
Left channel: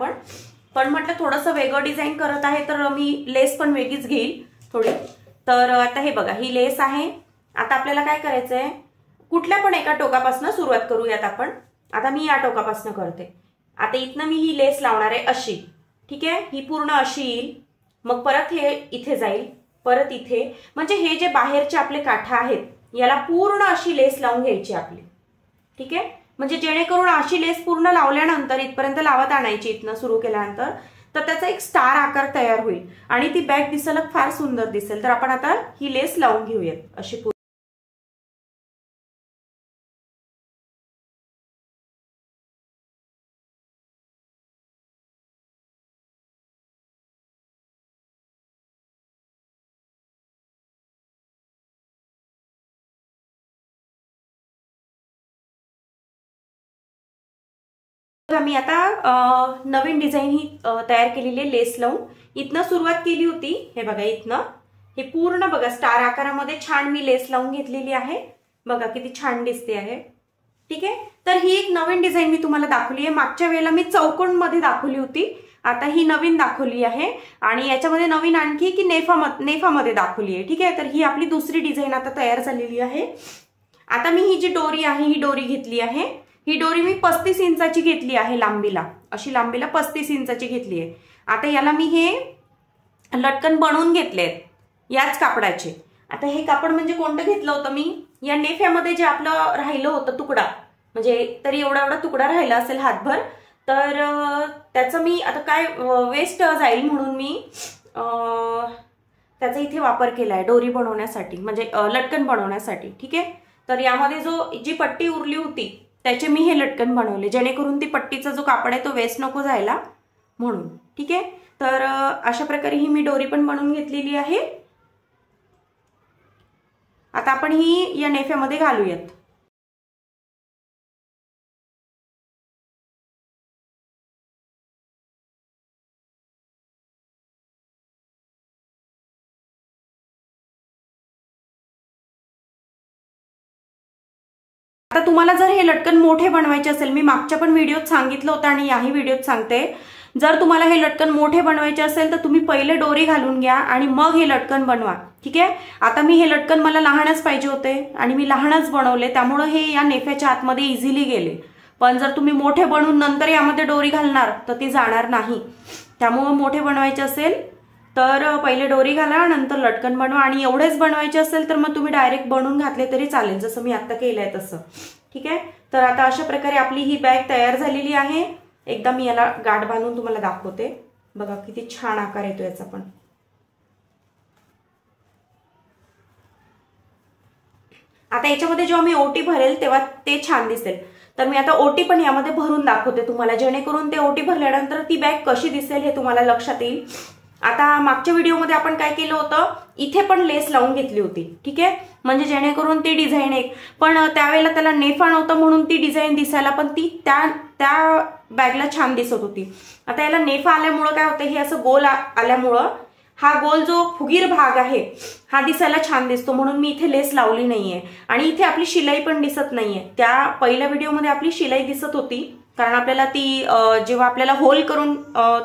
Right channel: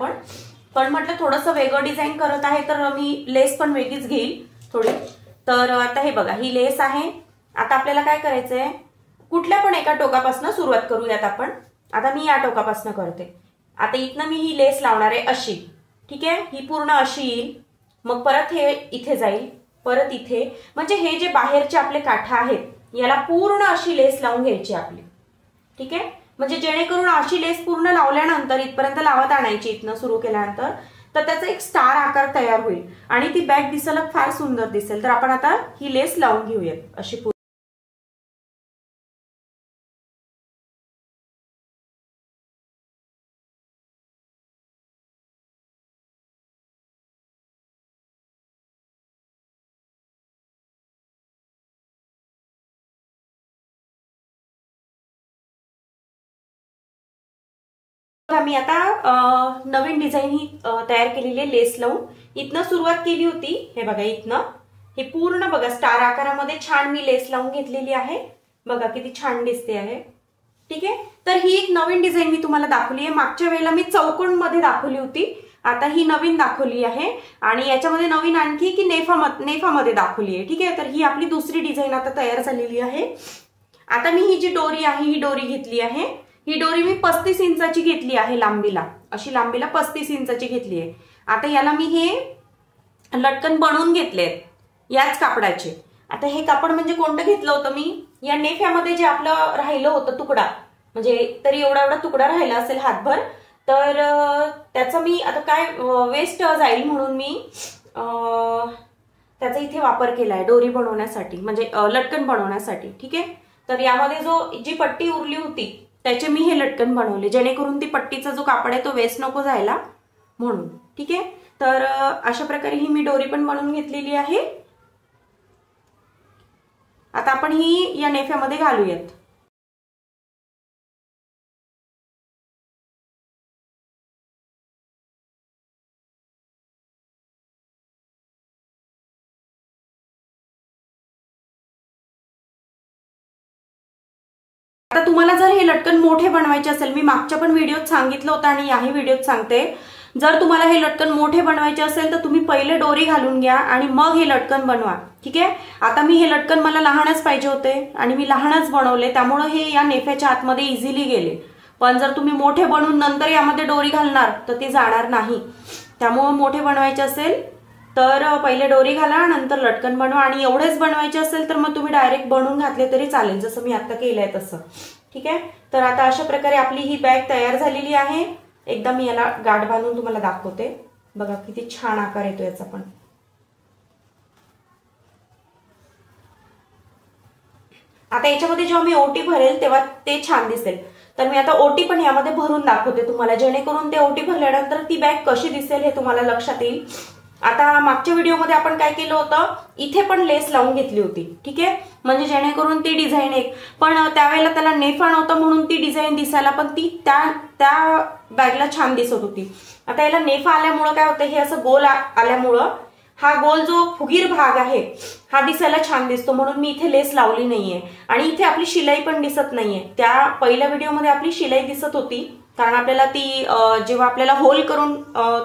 पण म्हटलं थोडंसं वेगळं डिझाईन करत आहे तर मी लेस पण वेगळीच घेईल थोडी. तर आता हे बघा, ही लेस आहे. आता आपल्याला काय करायचंय, कुठल्या पण एका टोकापासून सुरुवात करूयात आपण. आता मी या टोकापासून करते. आता इथनं मी ही लेस लावणार आहे अशी. ठीक आहे. ही पूर्ण अशी येईल, मग परत हे इथे जाईल, परत इथे, म्हणजे हे जे बाहेरचे आपले काठा आहेत याला पूर्ण अशी लेस लावून घ्यायची आपली. ठीक आहे. म्हणजे जेणेकरून अशी लेस पूर्ण लावल्यानंतर इथपर्यंत लावत आणायची, इथनं सुरू केल्यानंतर तर त्याचा एक स्टार आकार तयार होईल आणि ती बॅग दिसायला फार सुंदर दिसेल. तर आपण आता ही लेस लावून घेऊयात अशी. मी आता नवीन डिझाईन ही तयार केलेली लेस लावून इथनं सुरुवात केली होती. हे बघा, इथनं हे पूर्ण बघा स्टार आकारामध्ये छान मी लेस लावून घेतलेली आहे. बघा किती छान दिसते आहे. ठीक आहे. तर ही एक नवीन डिझाईन मी तुम्हाला दाखवली आहे. मागच्या वेळेला मी चौकोन मध्ये दाखवली होती, आता ही नवीन दाखवली आहे आणि याच्यामध्ये नवीन आणखी की नेफामध्ये दाखवली आहे. ठीक आहे. तर ही आपली दुसरी डिझाईन आता तयार झालेली आहे. आता मी ही जी डोरी आहे ही डोरी घेतली आहे. ही डोरी मी 35 इंचाची घेतली आहे लांबीला, अशी लांबीला 35 इंचाची घेतली आहे. आता याला मी हे लटकन बनवून घेतले याच कापडाचे. आता हे कापड म्हणजे कोणतं घेतलं होतं मी, या नेफ्यामध्ये जे आपलं राहिलं होतं तुकडा, म्हणजे तरी एवढा एवढा तुकडा राहिला असेल हातभर, तर त्याचा मी आता काय वेस्ट जाईल म्हणून मी त्याचा इथे वापर केलाय डोरी बनवण्यासाठी, म्हणजे लटकन बनवण्यासाठी. ठीक आहे. तर यामध्ये जी पट्टी उरली होती त्याचे मी हे लटकन बनवले जेणेकरून ती पट्टीचा जो कापड आहे तो वेस्ट नको जायला म्हणून. ठीक आहे. तर अशा प्रकारे ही मी डोरी पण बनवून घेतलेली आहे. आता आपण ही या नेफ्यामध्ये घालूयात. आता तुम्हाला जर हे लटकन मोठे बनवायचे असेल, मी मागच्या पण व्हिडिओत सांगितलं होतं आणि याही व्हिडिओत सांगते, जर तुम्हाला हे लटकन मोठे बनवायचे असेल तर तुम्ही पहिले दोरी घालून घ्या आणि मग हे लटकन बनवा. ठीक आहे. आता मी हे लटकन मला लहानच पाहिजे होते आणि मी लहानच बनवले, त्यामुळे हे या नेफ्याच्या आतमध्ये इझिली गेले. पण जर तुम्ही मोठे बनवून नंतर यामध्ये दोरी घालणार तर ते जाणार नाही. त्यामुळे मोठे बनवायचे असेल तर पहिले दोरी घाला, नंतर लटकन बनवा. आणि एवढेच बनवायचे असेल तर मग तुम्ही डायरेक्ट बनवून घातले तरी चालेल, जसं मी आता केलंय तसं. ठीक आहे. तर आता अशा प्रकारे आपली ही बॅग तयार झालेली आहे. एकदा मी याला गाठ बांधून तुम्हाला दाखवते. बघा किती छान आकार येतो याचा पण. आता याच्यामध्ये जेव्हा मी ओटी भरेल तेव्हा ते छान दिसेल. तर मी आता ओटी पण यामध्ये भरून दाखवते तुम्हाला, जेणेकरून ते ओटी भरल्यानंतर ती बॅग कशी दिसेल हे तुम्हाला लक्षात येईल. आता मागच्या व्हिडिओमध्ये आपण काय केलं होतं, इथे पण लेस लावून घेतली होती. ठीक आहे. म्हणजे जेणेकरून ती डिझाईन एक, पण त्यावेळेला त्याला नेफा नव्हतं म्हणून ती डिझाईन दिसायला पण ती त्या बॅगला छान दिसत होती. आता याला नेफा आल्यामुळं काय होतं, हे असं गोल आल्यामुळं हा गोल जो फुगीर भाग आहे हा दिसायला छान दिसतो, म्हणून मी इथे लेस लावली नाहीये. आणि इथे आपली शिलाई पण दिसत नाहीये. त्या पहिल्या व्हिडिओमध्ये आपली शिलाई दिसत होती, कारण आपल्याला ती जेव्हा आपल्याला होल करून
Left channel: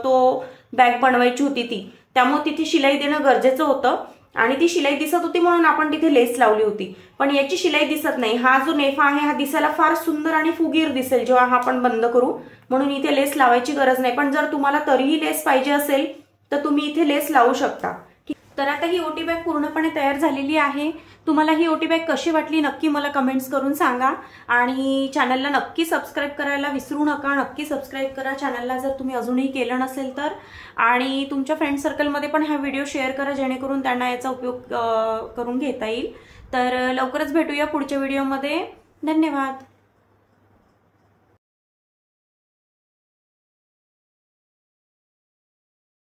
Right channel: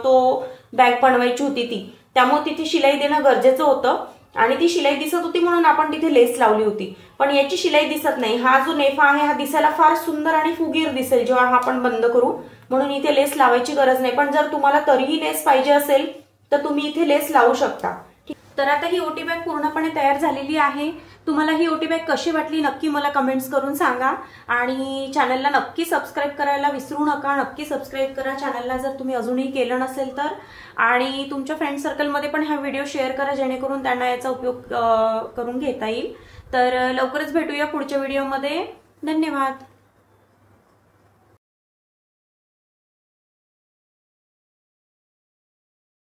तो बॅग बनवायची होती ती, त्यामुळे तिथे शिलाई देणं गरजेचं होतं आणि ती शिलाई दिसत होती म्हणून आपण तिथे लेस लावली होती. पण याची शिलाई दिसत नाही. हा जो नेफा आहे हा दिसायला फार सुंदर आणि फुगीर दिसेल जेव्हा हा आपण बंद करू, म्हणून इथे लेस लावायची गरज नाही. पण जर तुम्हाला तरीही लेस पाहिजे असेल तर तुम्ही इथे लेस लावू शकता. तर आता ही ओटी बॅग पूर्णपणे तयार झालेली आहे. तुम्हाला ही ओटी बॅग कशी वाटली नक्की मला कमेंट्स करून सांगा आणि चॅनलला नक्की सबस्क्राईब करायला विसरू नका. नक्की सबस्क्राईब करा चॅनलला जर तुम्ही अजूनही केलं नसेल तर. आणि तुमच्या फ्रेंड सर्कलमध्ये पण हा व्हिडिओ शेअर करा, जेणेकरून त्यांना याचा उपयोग करून घेता येईल. तर लवकरच भेटूया पुढच्या व्हिडिओमध्ये. धन्यवाद.